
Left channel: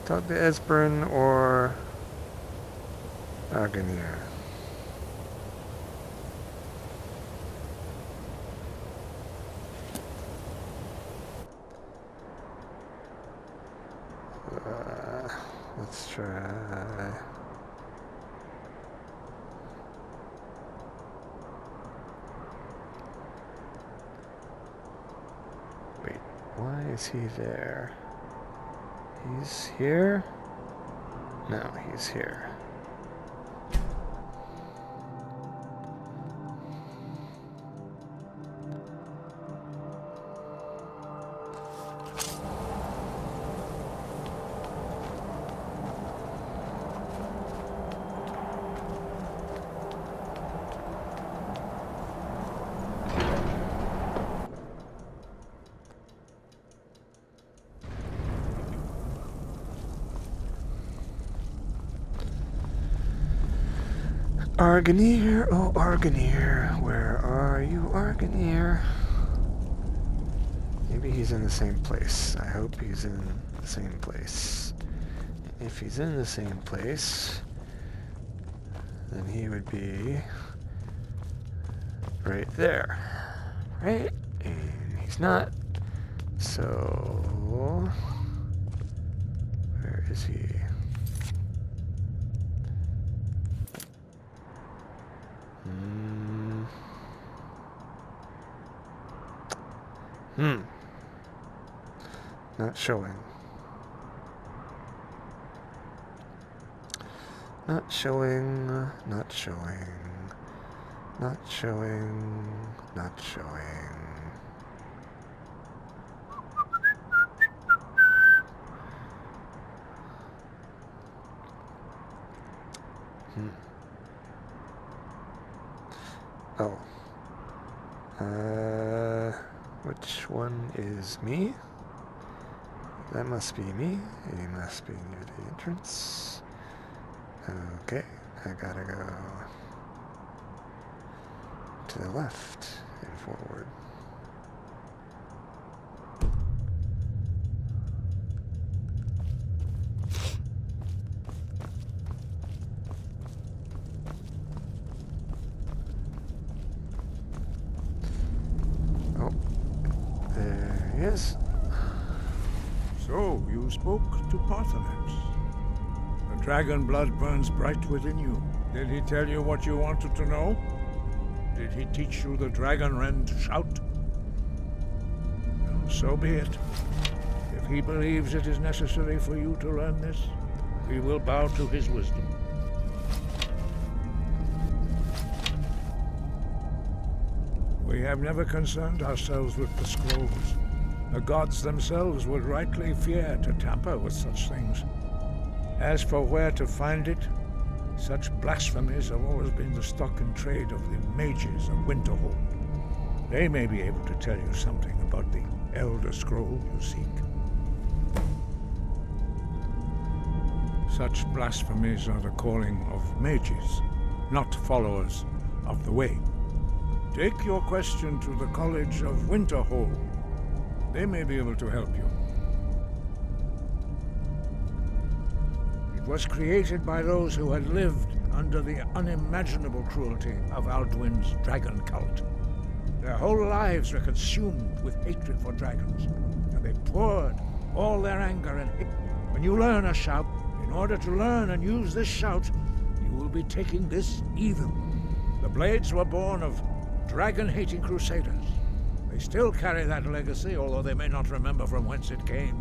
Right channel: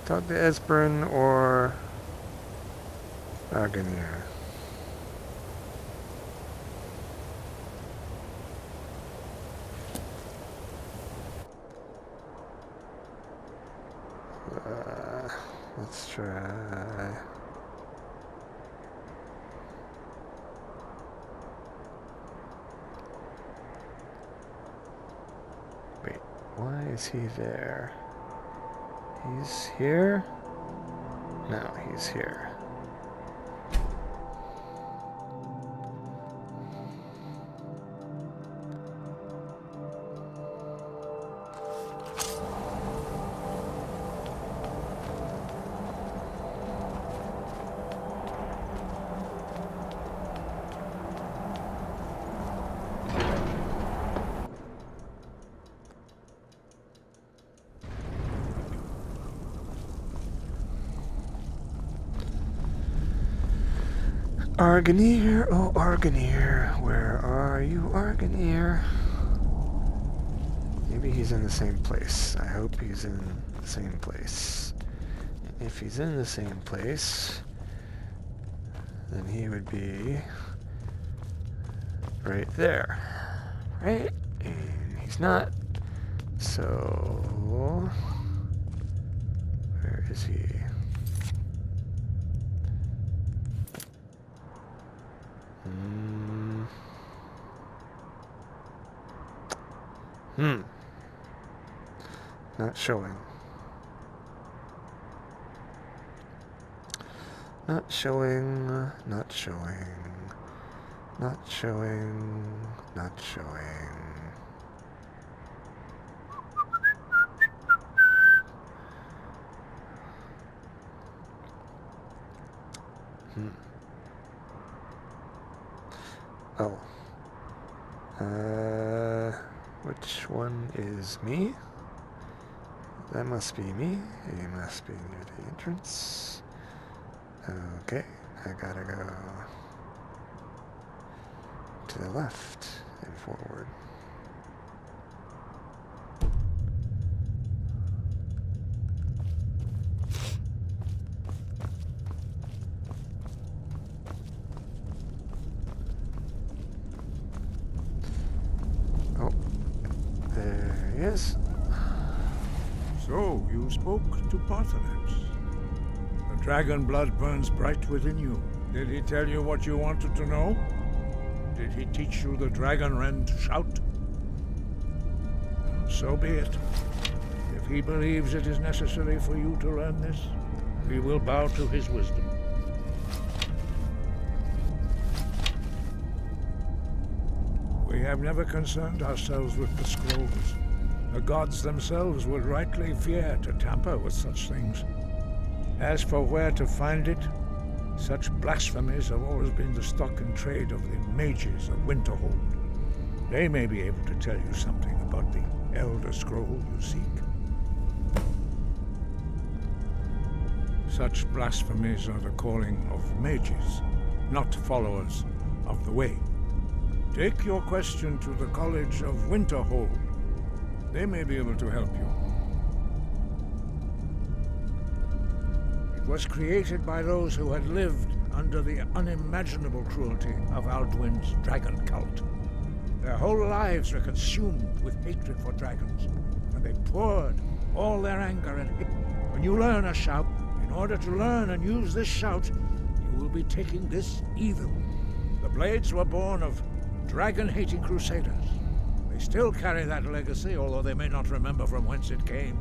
talk to Esbern or Arganier. Let's try. Wait, why is he there? He's here? No, he's here. Arganier, oh Arganier, where are you, Arganier? Maybe he's in the same place. I hope he's in the same place. If he's in the same place, then he would be right there, right? And he's not. So, where is he? Not showing. Not showing, not showing, not showing, not showing. Oh. Which one is me? That must be me. He must be near the entrance. Okay, I gotta go to the left and forward. Oh, there he is. So, you spoke to Paarthurnax. The dragon blood burns bright within you. Did he tell you what you wanted to know? Did he teach you the dragon rend shout? Well, so be it. If he believes it is necessary for you to learn this, we will bow to his wisdom. We have never concerned ourselves with the scrolls. The gods themselves would rightly fear to tamper with such things. As for where to find it, such blasphemies have always been the stock and trade of the mages of Winterhold. They may be able to tell you something about the Elder Scroll you seek. Such blasphemies are the calling of mages, not followers of the Way. Take your question to the College of Winterhold. They may be able to help you. It was created by those who had lived under the unimaginable cruelty of Alduin's dragon cult. Their whole lives were consumed with hatred for dragons, and they poured all their anger and hate. When you learn a shout, in order to learn and use this shout, you will be taking this evil. The Blades were born of dragon-hating crusaders. They still carry that legacy, although they may not remember from whence it came.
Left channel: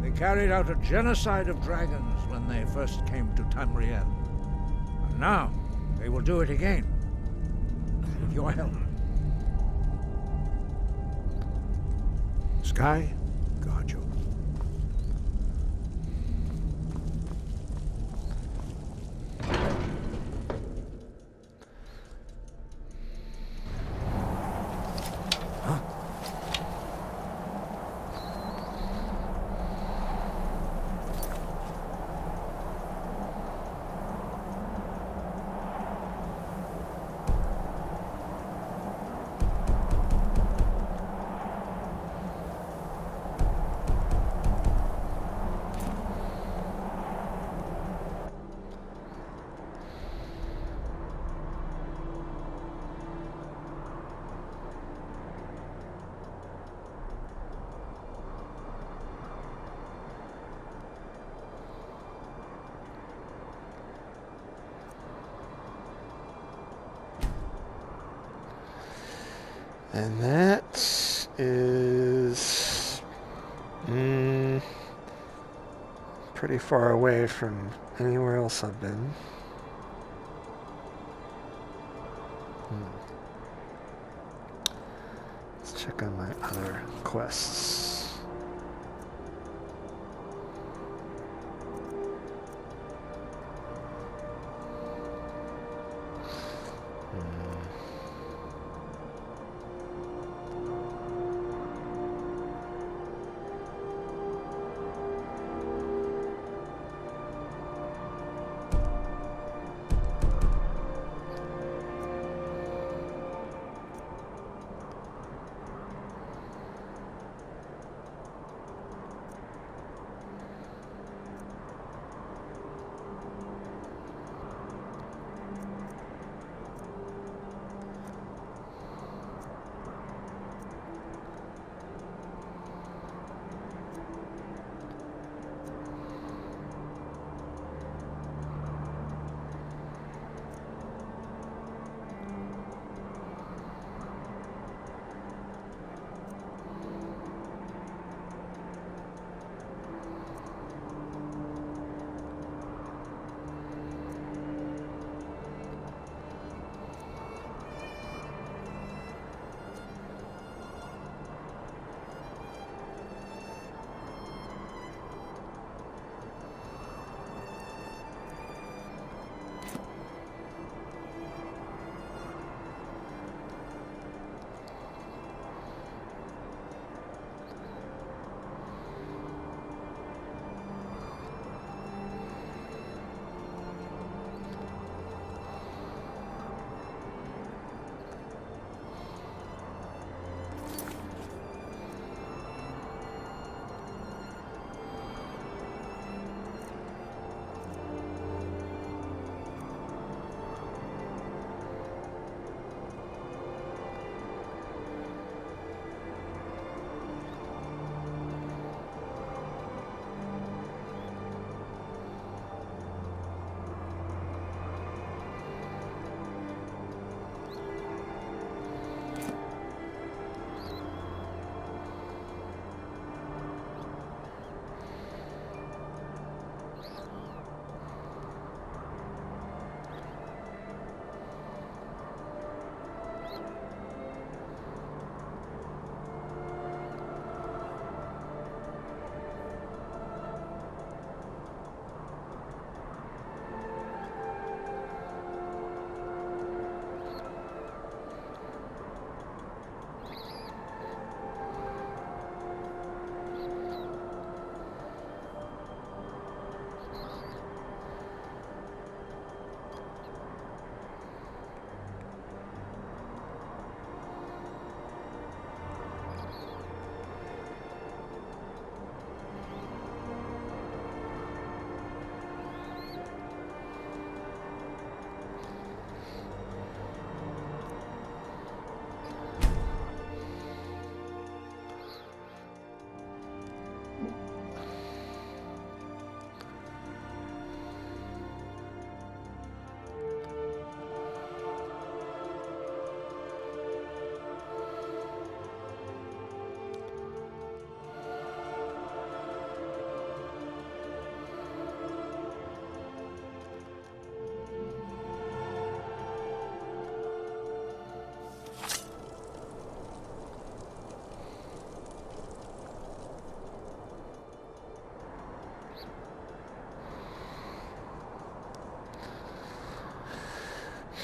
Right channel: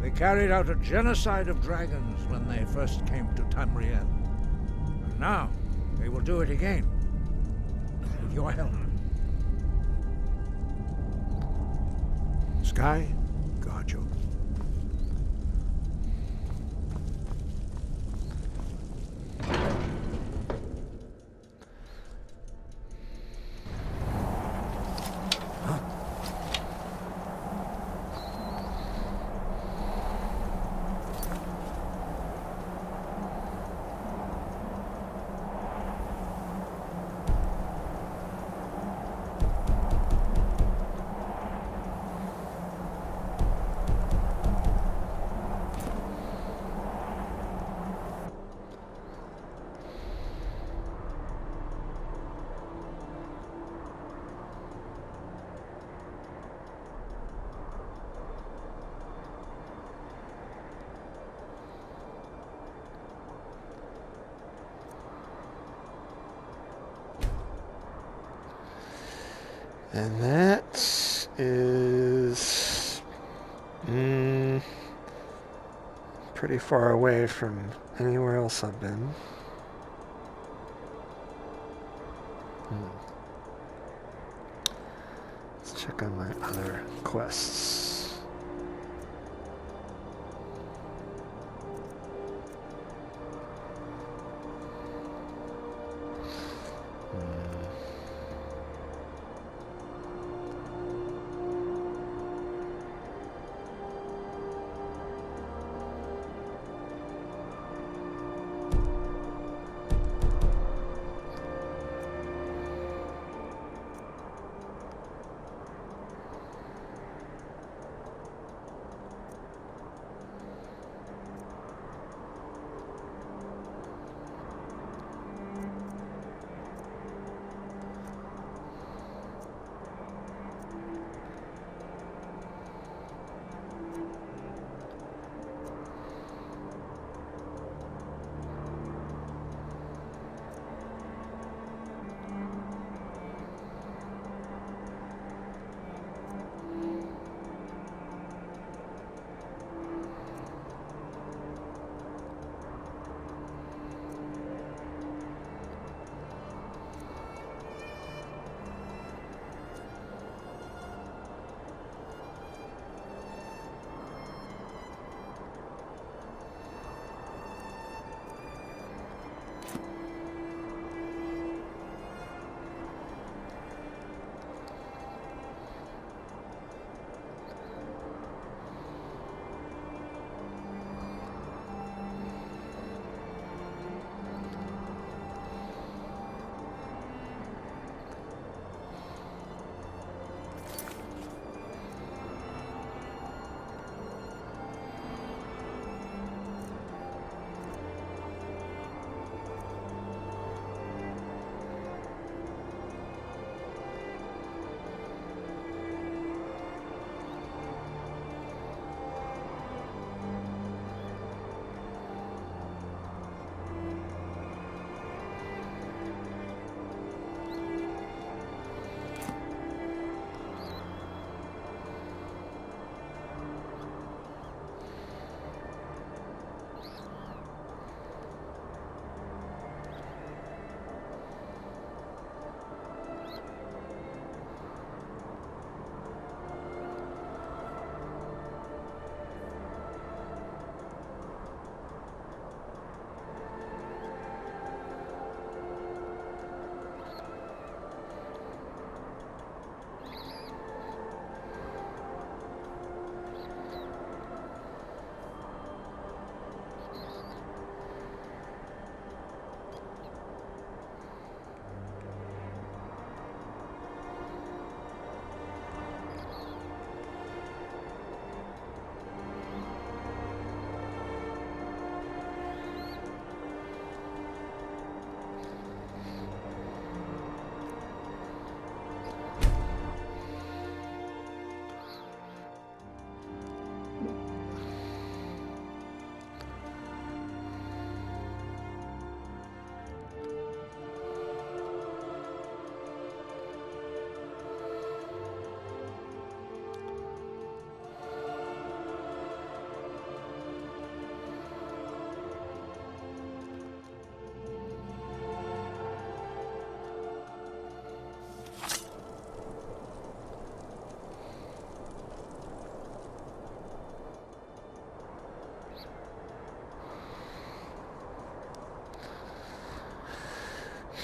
They carried out a genocide of dragons when they first came to Tamriel. And now, they will do it again. With your help. Sky, guard you. And that is pretty far away from anywhere else I've been. Let's check on my other quests.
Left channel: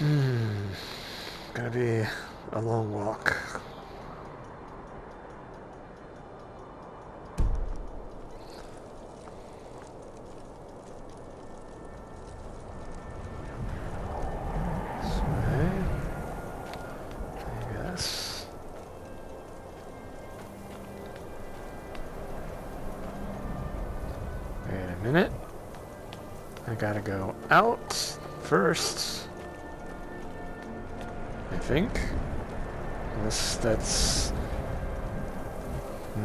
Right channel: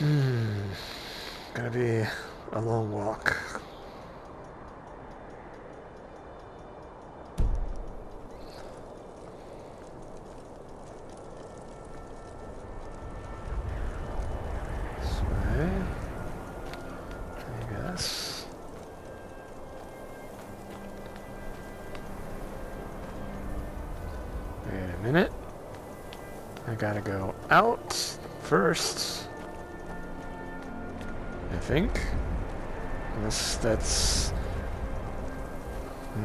Gonna be a long walk. This way, I guess. Wait a minute. I gotta go out first. I think. Unless that's...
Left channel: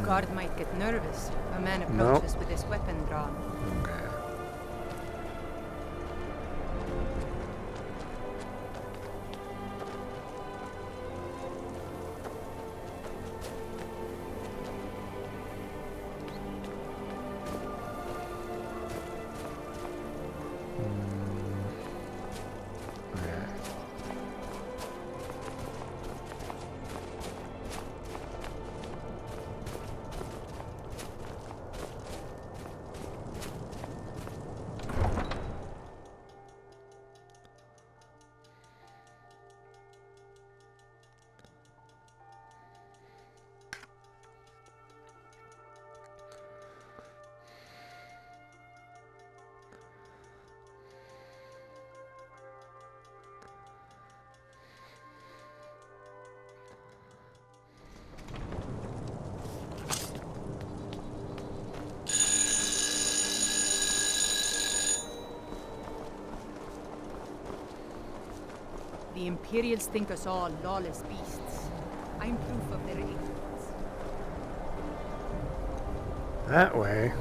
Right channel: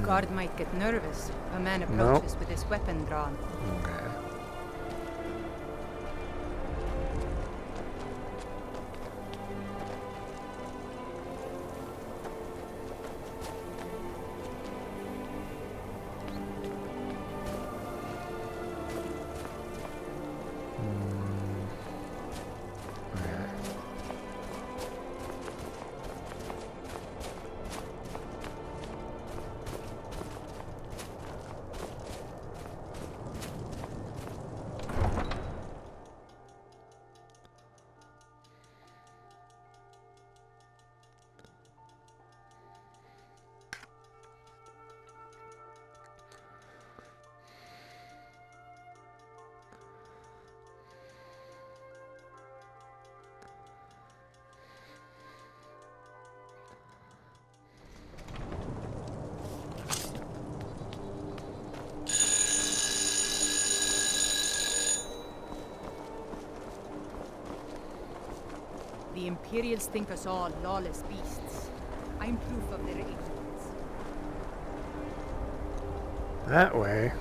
Guard might get nervous. A man approaches with his weapon drawn. Okay. The Imperials think us all lawless beasts. I'm proof of their ignorance. That way.